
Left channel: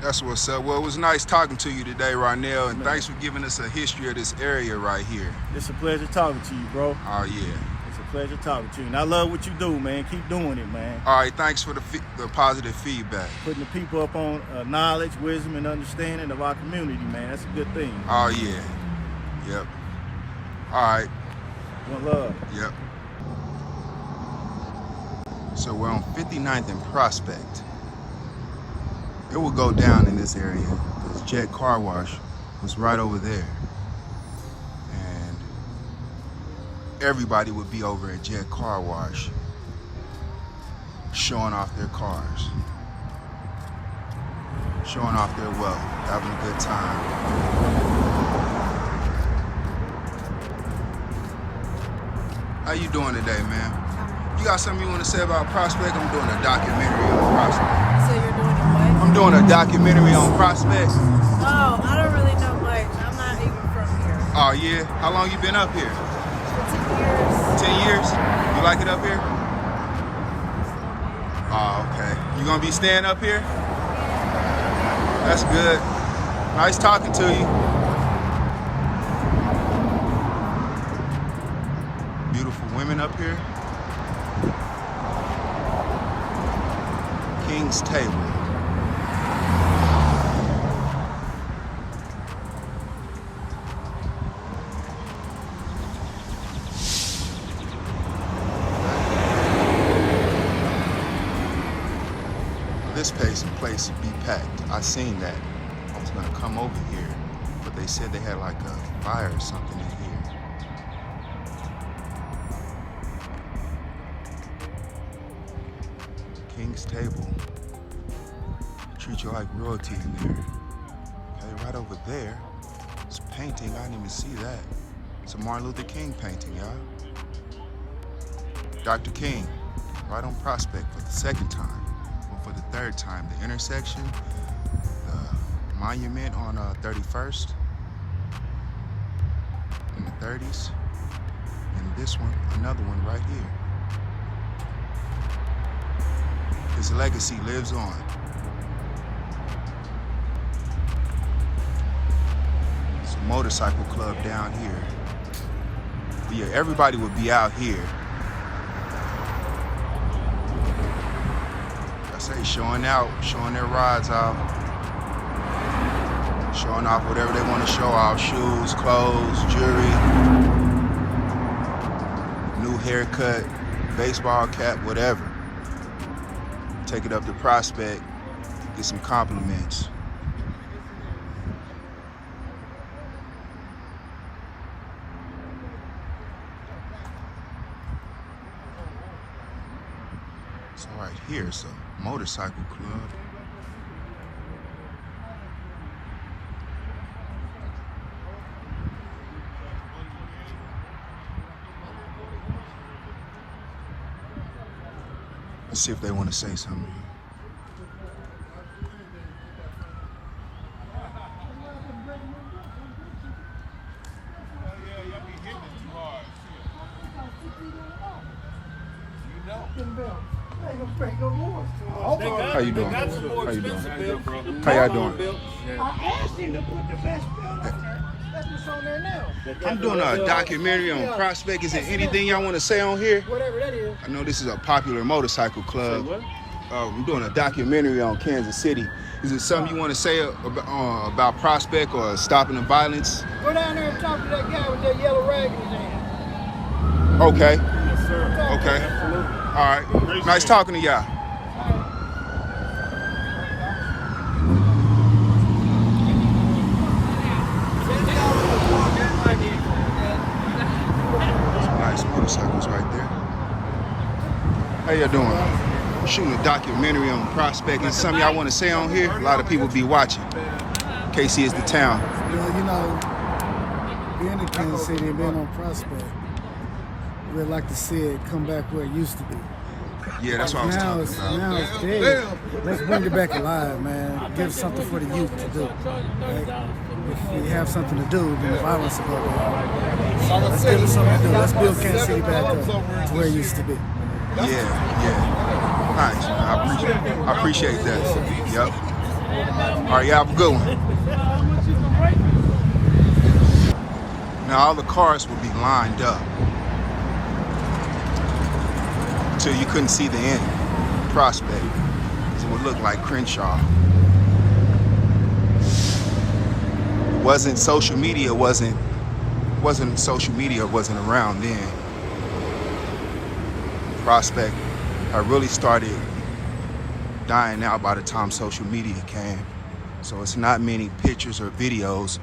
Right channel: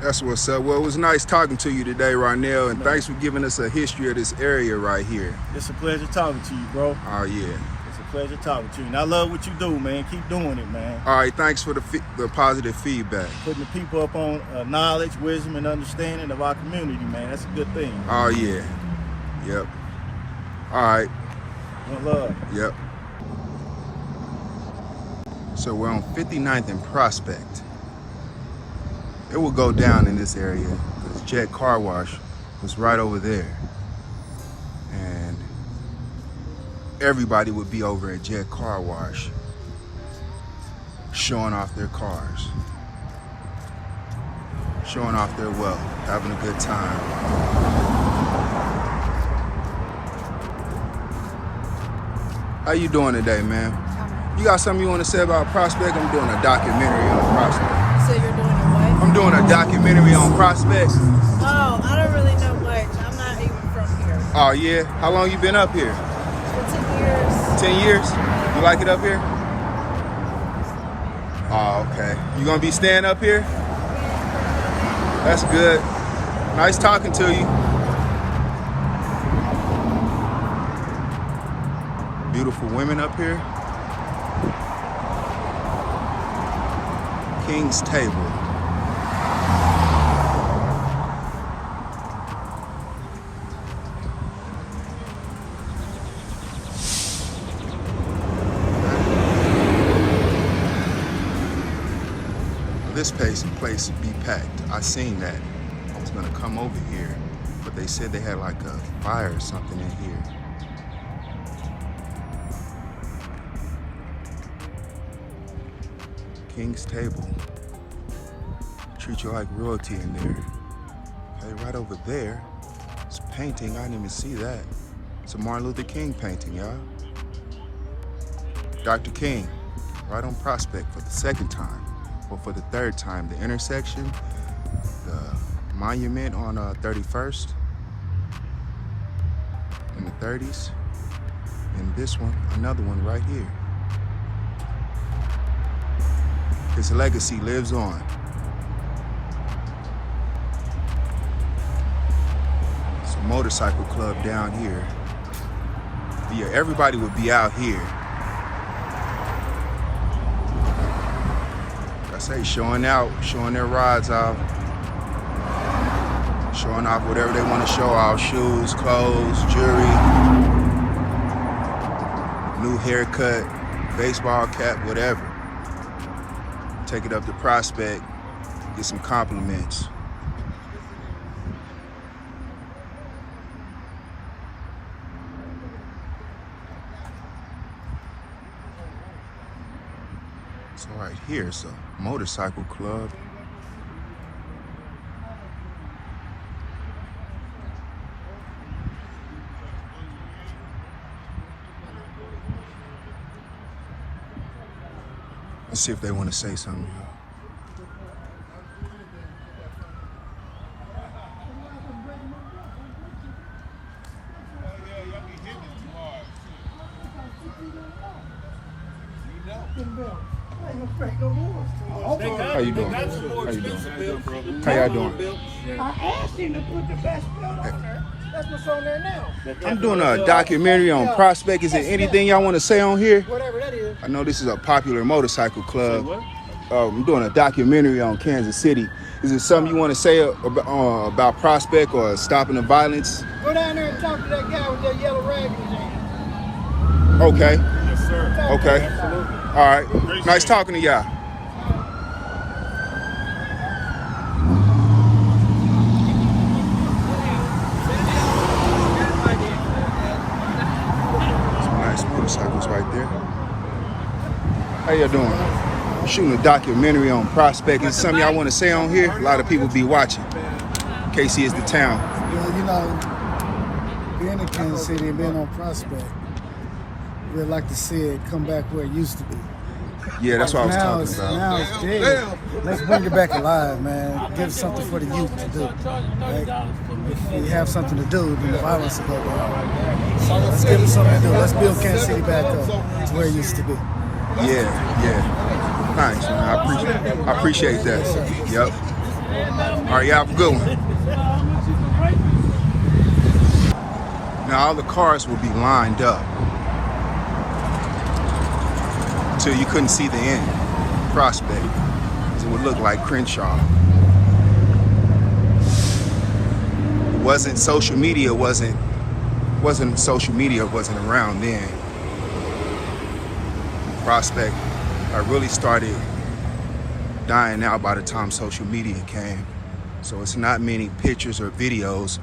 That's what's up. Well, it was nice talking to you today, Ronell, and thanks for giving us a history of this area right here. It's a pleasure talking to you, bro. Oh, yeah. It's a pleasure talking to you. And I love what you do, man. Keep doing it, man. All right, thanks for the positive feedback. Putting the people up on knowledge, wisdom, and understanding of our community, man. That's a good thing. Oh, yeah. Yep. All right. One love. Yep. So we're on 59th and Prospect. It will go down in this area because Jet Car Wash was right over there. And everybody would be over at Jet Car Wash showing off their cars, showing off their wealth, having a good time. How you doing today, man? You got something you want to say about Prospect? I'm doing a documentary on Prospect. So you're doing a what? I'm doing a documentary on Prospect. Oh, I don't really know much. I'm not even from here. Oh, yeah? How long you been up here? For 10 years. 10 years? You like it up here? Oh, okay. You gonna be staying up here? That's good. Nice talking to you. Beautiful women up here. King's Table. This place would be packed. I seen that. I was gonna come over here, but they said they had like a fire or something in here. King's Table. Treat you like royalty in there. Hey, right over there, it's a painting. I didn't even see that. It's a Martin Luther King painting, y'all. Dr. King, right on Prospect for the second time. Well, for the third time, the intersection, the monument on 31st in the 30s, and this one, another one right here. His legacy lives on. It's a motorcycle club down here. But yeah, everybody would be out here. Showing out, showing their rides off, showing off whatever they want to show off, shoes, clothes, jewelry, new haircut, baseball cap, whatever. Take it up to Prospect, get some compliments. So right here, it's a motorcycle club. Let's see if they want to say something. How you doing? How you doing? How y'all doing? I asked him to put the best That's what's on there now. I'm doing a documentary on Prospect. Is there anything y'all want to say on here? Whatever that is. I know this is a popular motorcycle club. I'm doing a documentary on Kansas City. Is there something you want to say about Prospect or stopping the violence? Go down there and talk to that guy with that yellow rag in his hand. Okay. Yes, sir. Okay. All right. Nice talking to y'all. Some nice motorcycles right there. How y'all doing? I'm shooting a documentary on Prospect. Is something y'all want to say on here? A lot of people be watching. KC is the town. Well, you know, being in Kansas City and being on Prospect, we'd like to see it come back where it used to be. Yeah, that's what I was talking about. Now it's big. Let's bring it back alive, man. Give something for the youth to do, right? If we have something to do, then the violence will go down. So let's give them something to do. Let's build Kansas City back up to where it used to be. Yeah. Nice, man. I appreciate that. Yep. All right, y'all have a good one. Now all the cars will be lined up till you couldn't see the end. Prospect. It would look like Crenshaw. It wasn't social media, wasn't around then. Prospect, I really started dying out by the time social media came. So it's not many pictures or videos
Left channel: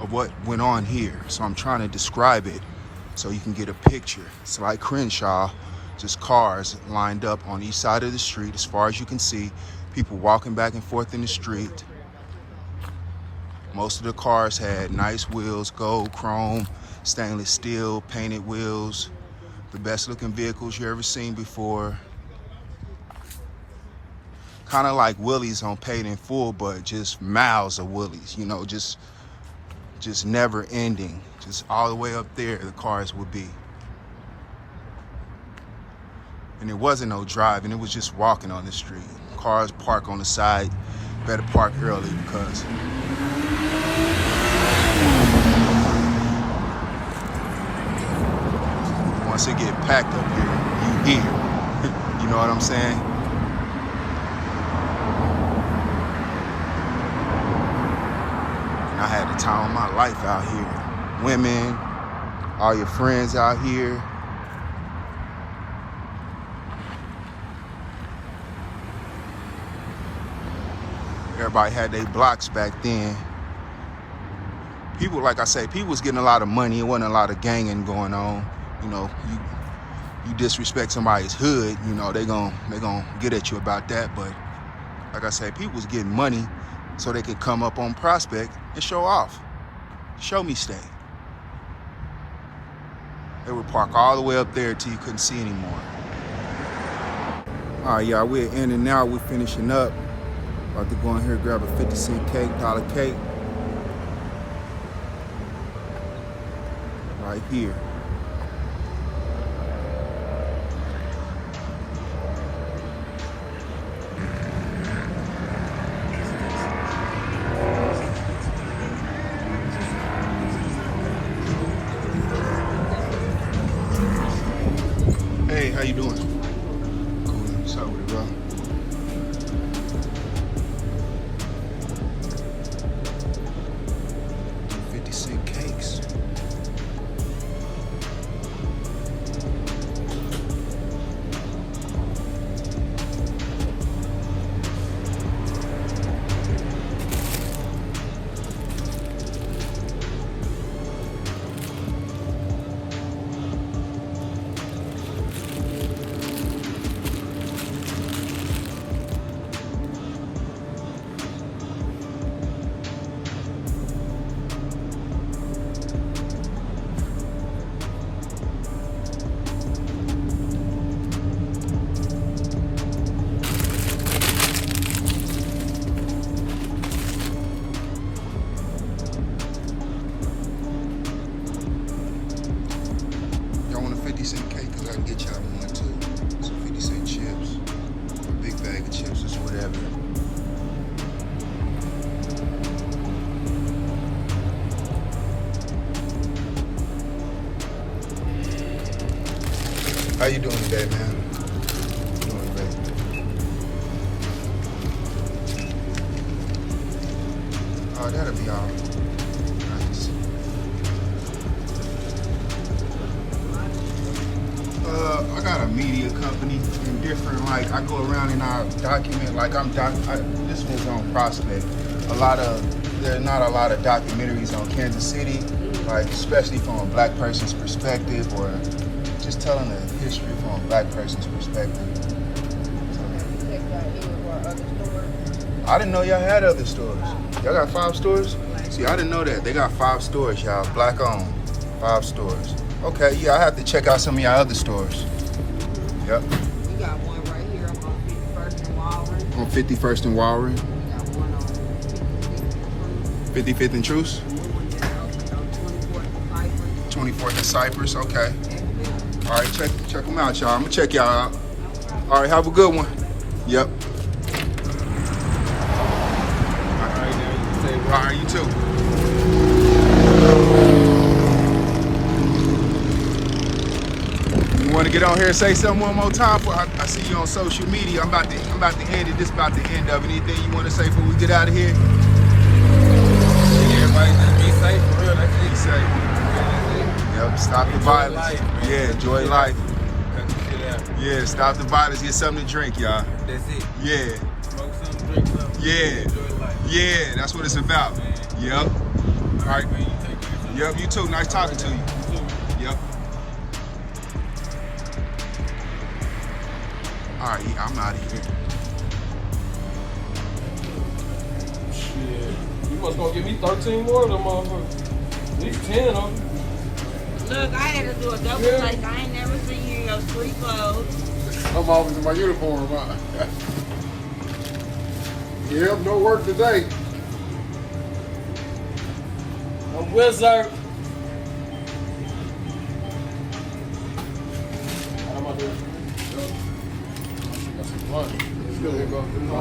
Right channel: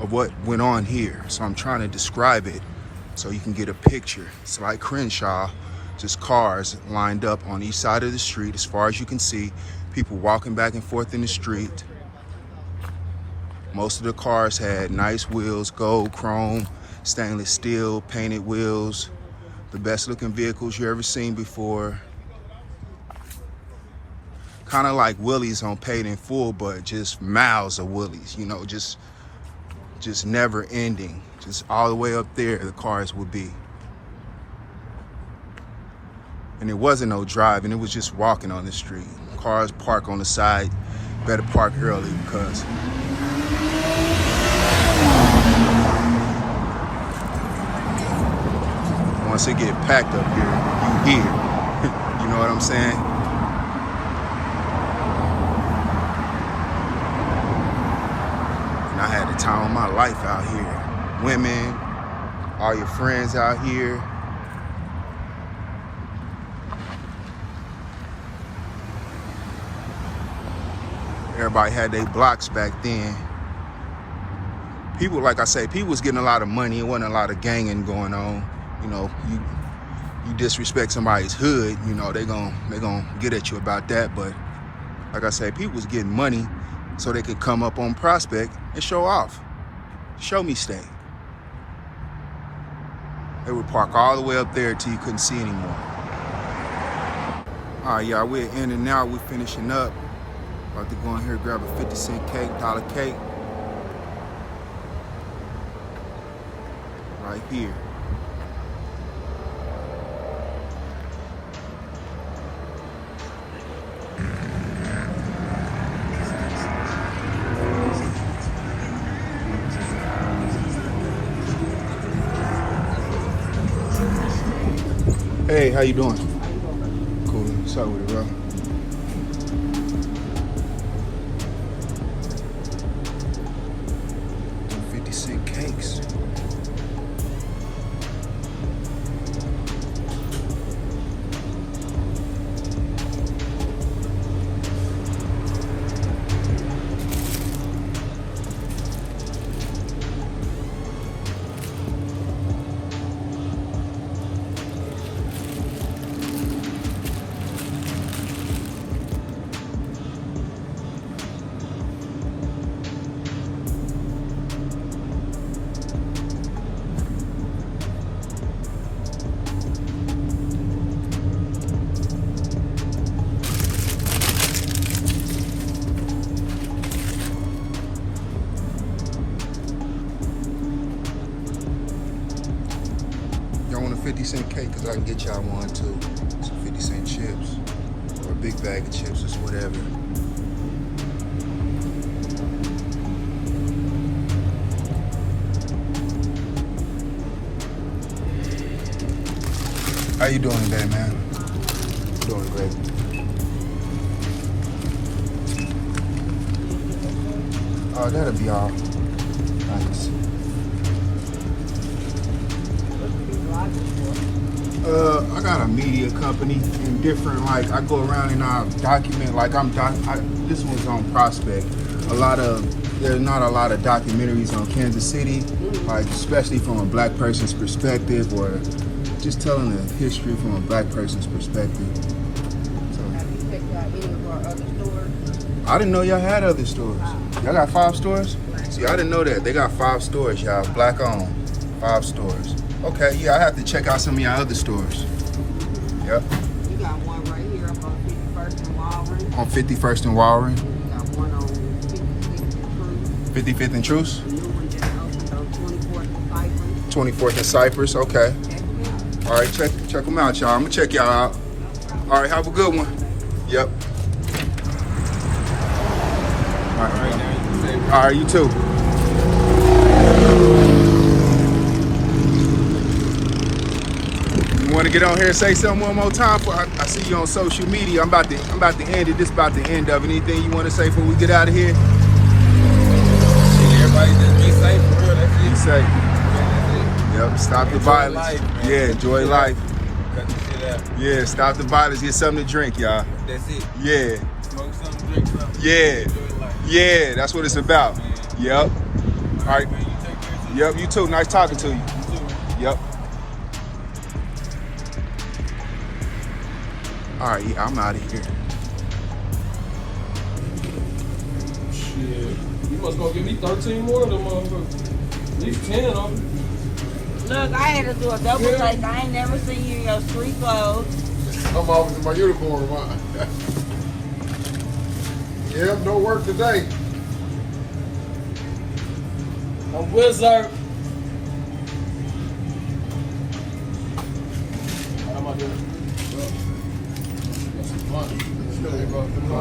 of what went on here. So I'm trying to describe it so you can get a picture. It's like Crenshaw, just cars lined up on each side of the street as far as you can see. People walking back and forth in the street. Most of the cars had nice wheels, gold, chrome, stainless steel, painted wheels. The best looking vehicles you ever seen before. Kind of like Willys on Paid in Full, but just miles of Willys, you know, just never ending. Just all the way up there, the cars would be. And it wasn't no driving, it was just walking on the street. Cars park on the side, better park early because once it get packed up here, you hear. You know what I'm saying? I had the time of my life out here. Women, all your friends out here. Everybody had their blocks back then. People, like I say, people was getting a lot of money. It wasn't a lot of ganging going on. You know, you disrespect somebody's hood, you know, they gon' get at you about that. But like I say, people was getting money so they could come up on Prospect and show off. Show me stay. They would park all the way up there till you couldn't see anymore. All right, y'all, we're in and out. We're finishing up. About to go in here and grab a 50-cent cake, dollar cake. Right here. Hey, how you doing? Cool. What's up with it, bro? $50-cent cakes. Y'all want a 50-cent cake? Because I can get y'all one too. Some 50-cent chips. Or a big bag of chips or whatever. How you doing today, man? Doing good. Oh, that'll be all. Nice. I got a media company and different, like, I go around and I document, like, this one's on Prospect. There's not a lot of documentaries on Kansas City, like, especially from a black person's perspective or just telling the history from a black person's perspective. So, I didn't know y'all had other stores. Y'all got 5 stores? See, I didn't know that. They got 5 stores, y'all. Black owned. 5 stores. Okay, yeah, I have to check out some of y'all other stores. Yep. We got one right here on 51st and Walrus. On 51st and Walrus. We got one on 55th and Truce. 55th and Truce? A new one that opened on 24th and Cypress. 24th and Cypress, okay. Check them out. All right, check them out, y'all. I'm gonna check y'all out. All right, have a good one. Yep. All right, you too. You want to get on here and say something one more time? I see you on social media. I'm about to end it. This about the end of it. Anything you want to say before we get out of here? Shit, everybody just be safe for real. That's it. Be safe. That's it. Yep. Stop the Enjoy violence. life, man. Yeah. Enjoy life. Cut the shit out. Yeah. Stop the violence. Get something to drink, y'all. That's it. Yeah. Smoke something, drink something. Yeah. Enjoy life. Yeah. That's what it's about. Yep. All right. Man, you take care of Yep. You too. Nice talking to you. you too. Yep. All right, yeah, I'm out of here. Shit. You must gonna give me 13 more of them motherfuckers. At least 10 of them. Look, I had to do a double take. I ain't never seen you in your street clothes. I'm always in my uniform, huh? Yeah, no work today. A wizard. I'm up here.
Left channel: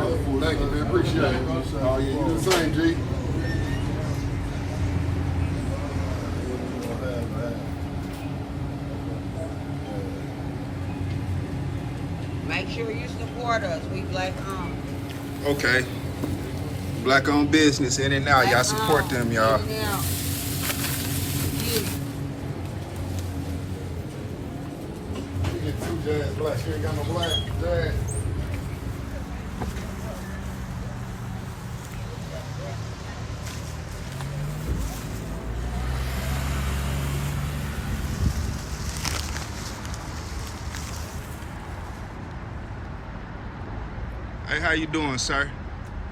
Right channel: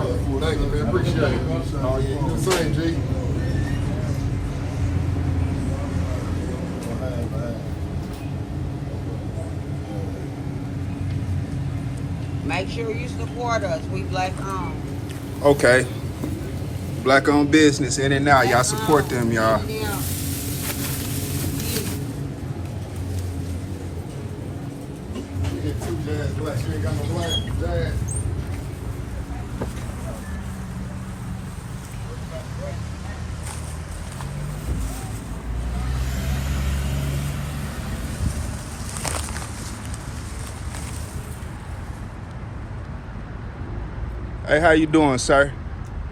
Appreciate it. Same, G. Make sure you support us. We black owned. Okay. Black owned business in and out. Y'all support them, y'all. Yeah. You get two jazz black. You ain't got no black jazz. Hey, how you doing, sir?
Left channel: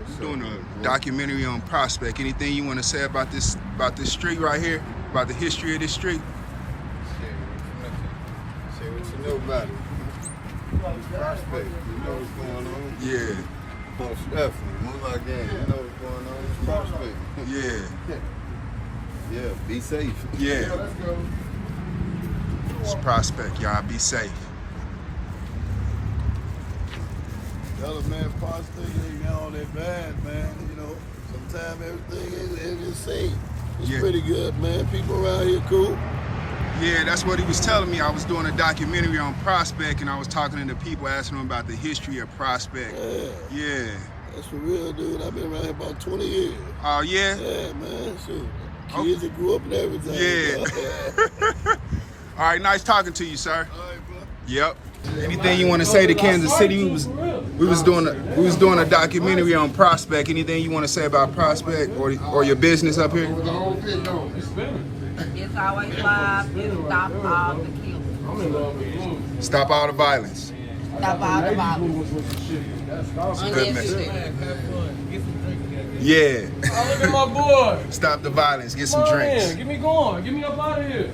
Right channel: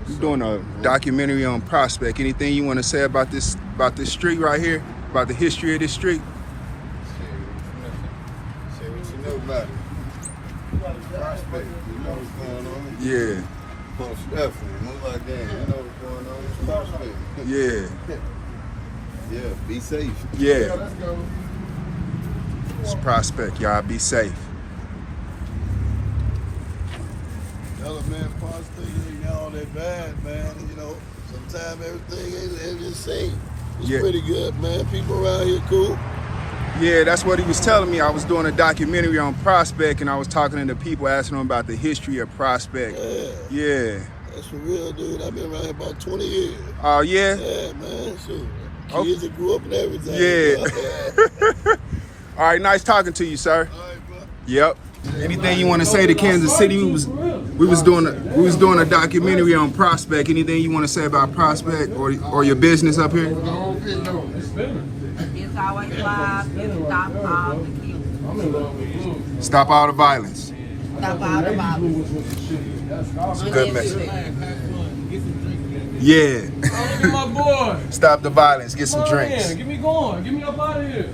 You doing a documentary on Prospect. Anything you want to say about this street right here? About the history of this street? Say what you know about it. Prospect, you know what's going on. Yeah. Most definitely. Most like that. You know what's going on. It's Prospect. Yeah. Yeah, be safe. Yeah. Let's go. It's Prospect, y'all. Be safe. Other man, Prospect, you ain't got all that bad, man. You know, sometimes everything ain't the same. It's Yeah. pretty good, man. People around here cool. Yeah, that's what he was telling me. I was doing a documentary on Prospect, and I was talking to the people, asking them about the history of Prospect. Yeah. That's for real, dude. I've been around here about 20 years. Oh, yeah? Yeah, man. Shoot. Kids that grew up and everything. Yeah. All right, nice talking to you, sir. All right, bro. Yep. Anything you want to say to Kansas City? We was doing a documentary on Prospect. Anything you want to say about Prospect or your business up here? It's always live. It stop all the killing. Stop all the violence. Stop all the violence. Good message. Yeah. Look at my boy. Stop the violence. Get some drinks. Man, get me going. Get me up out of here.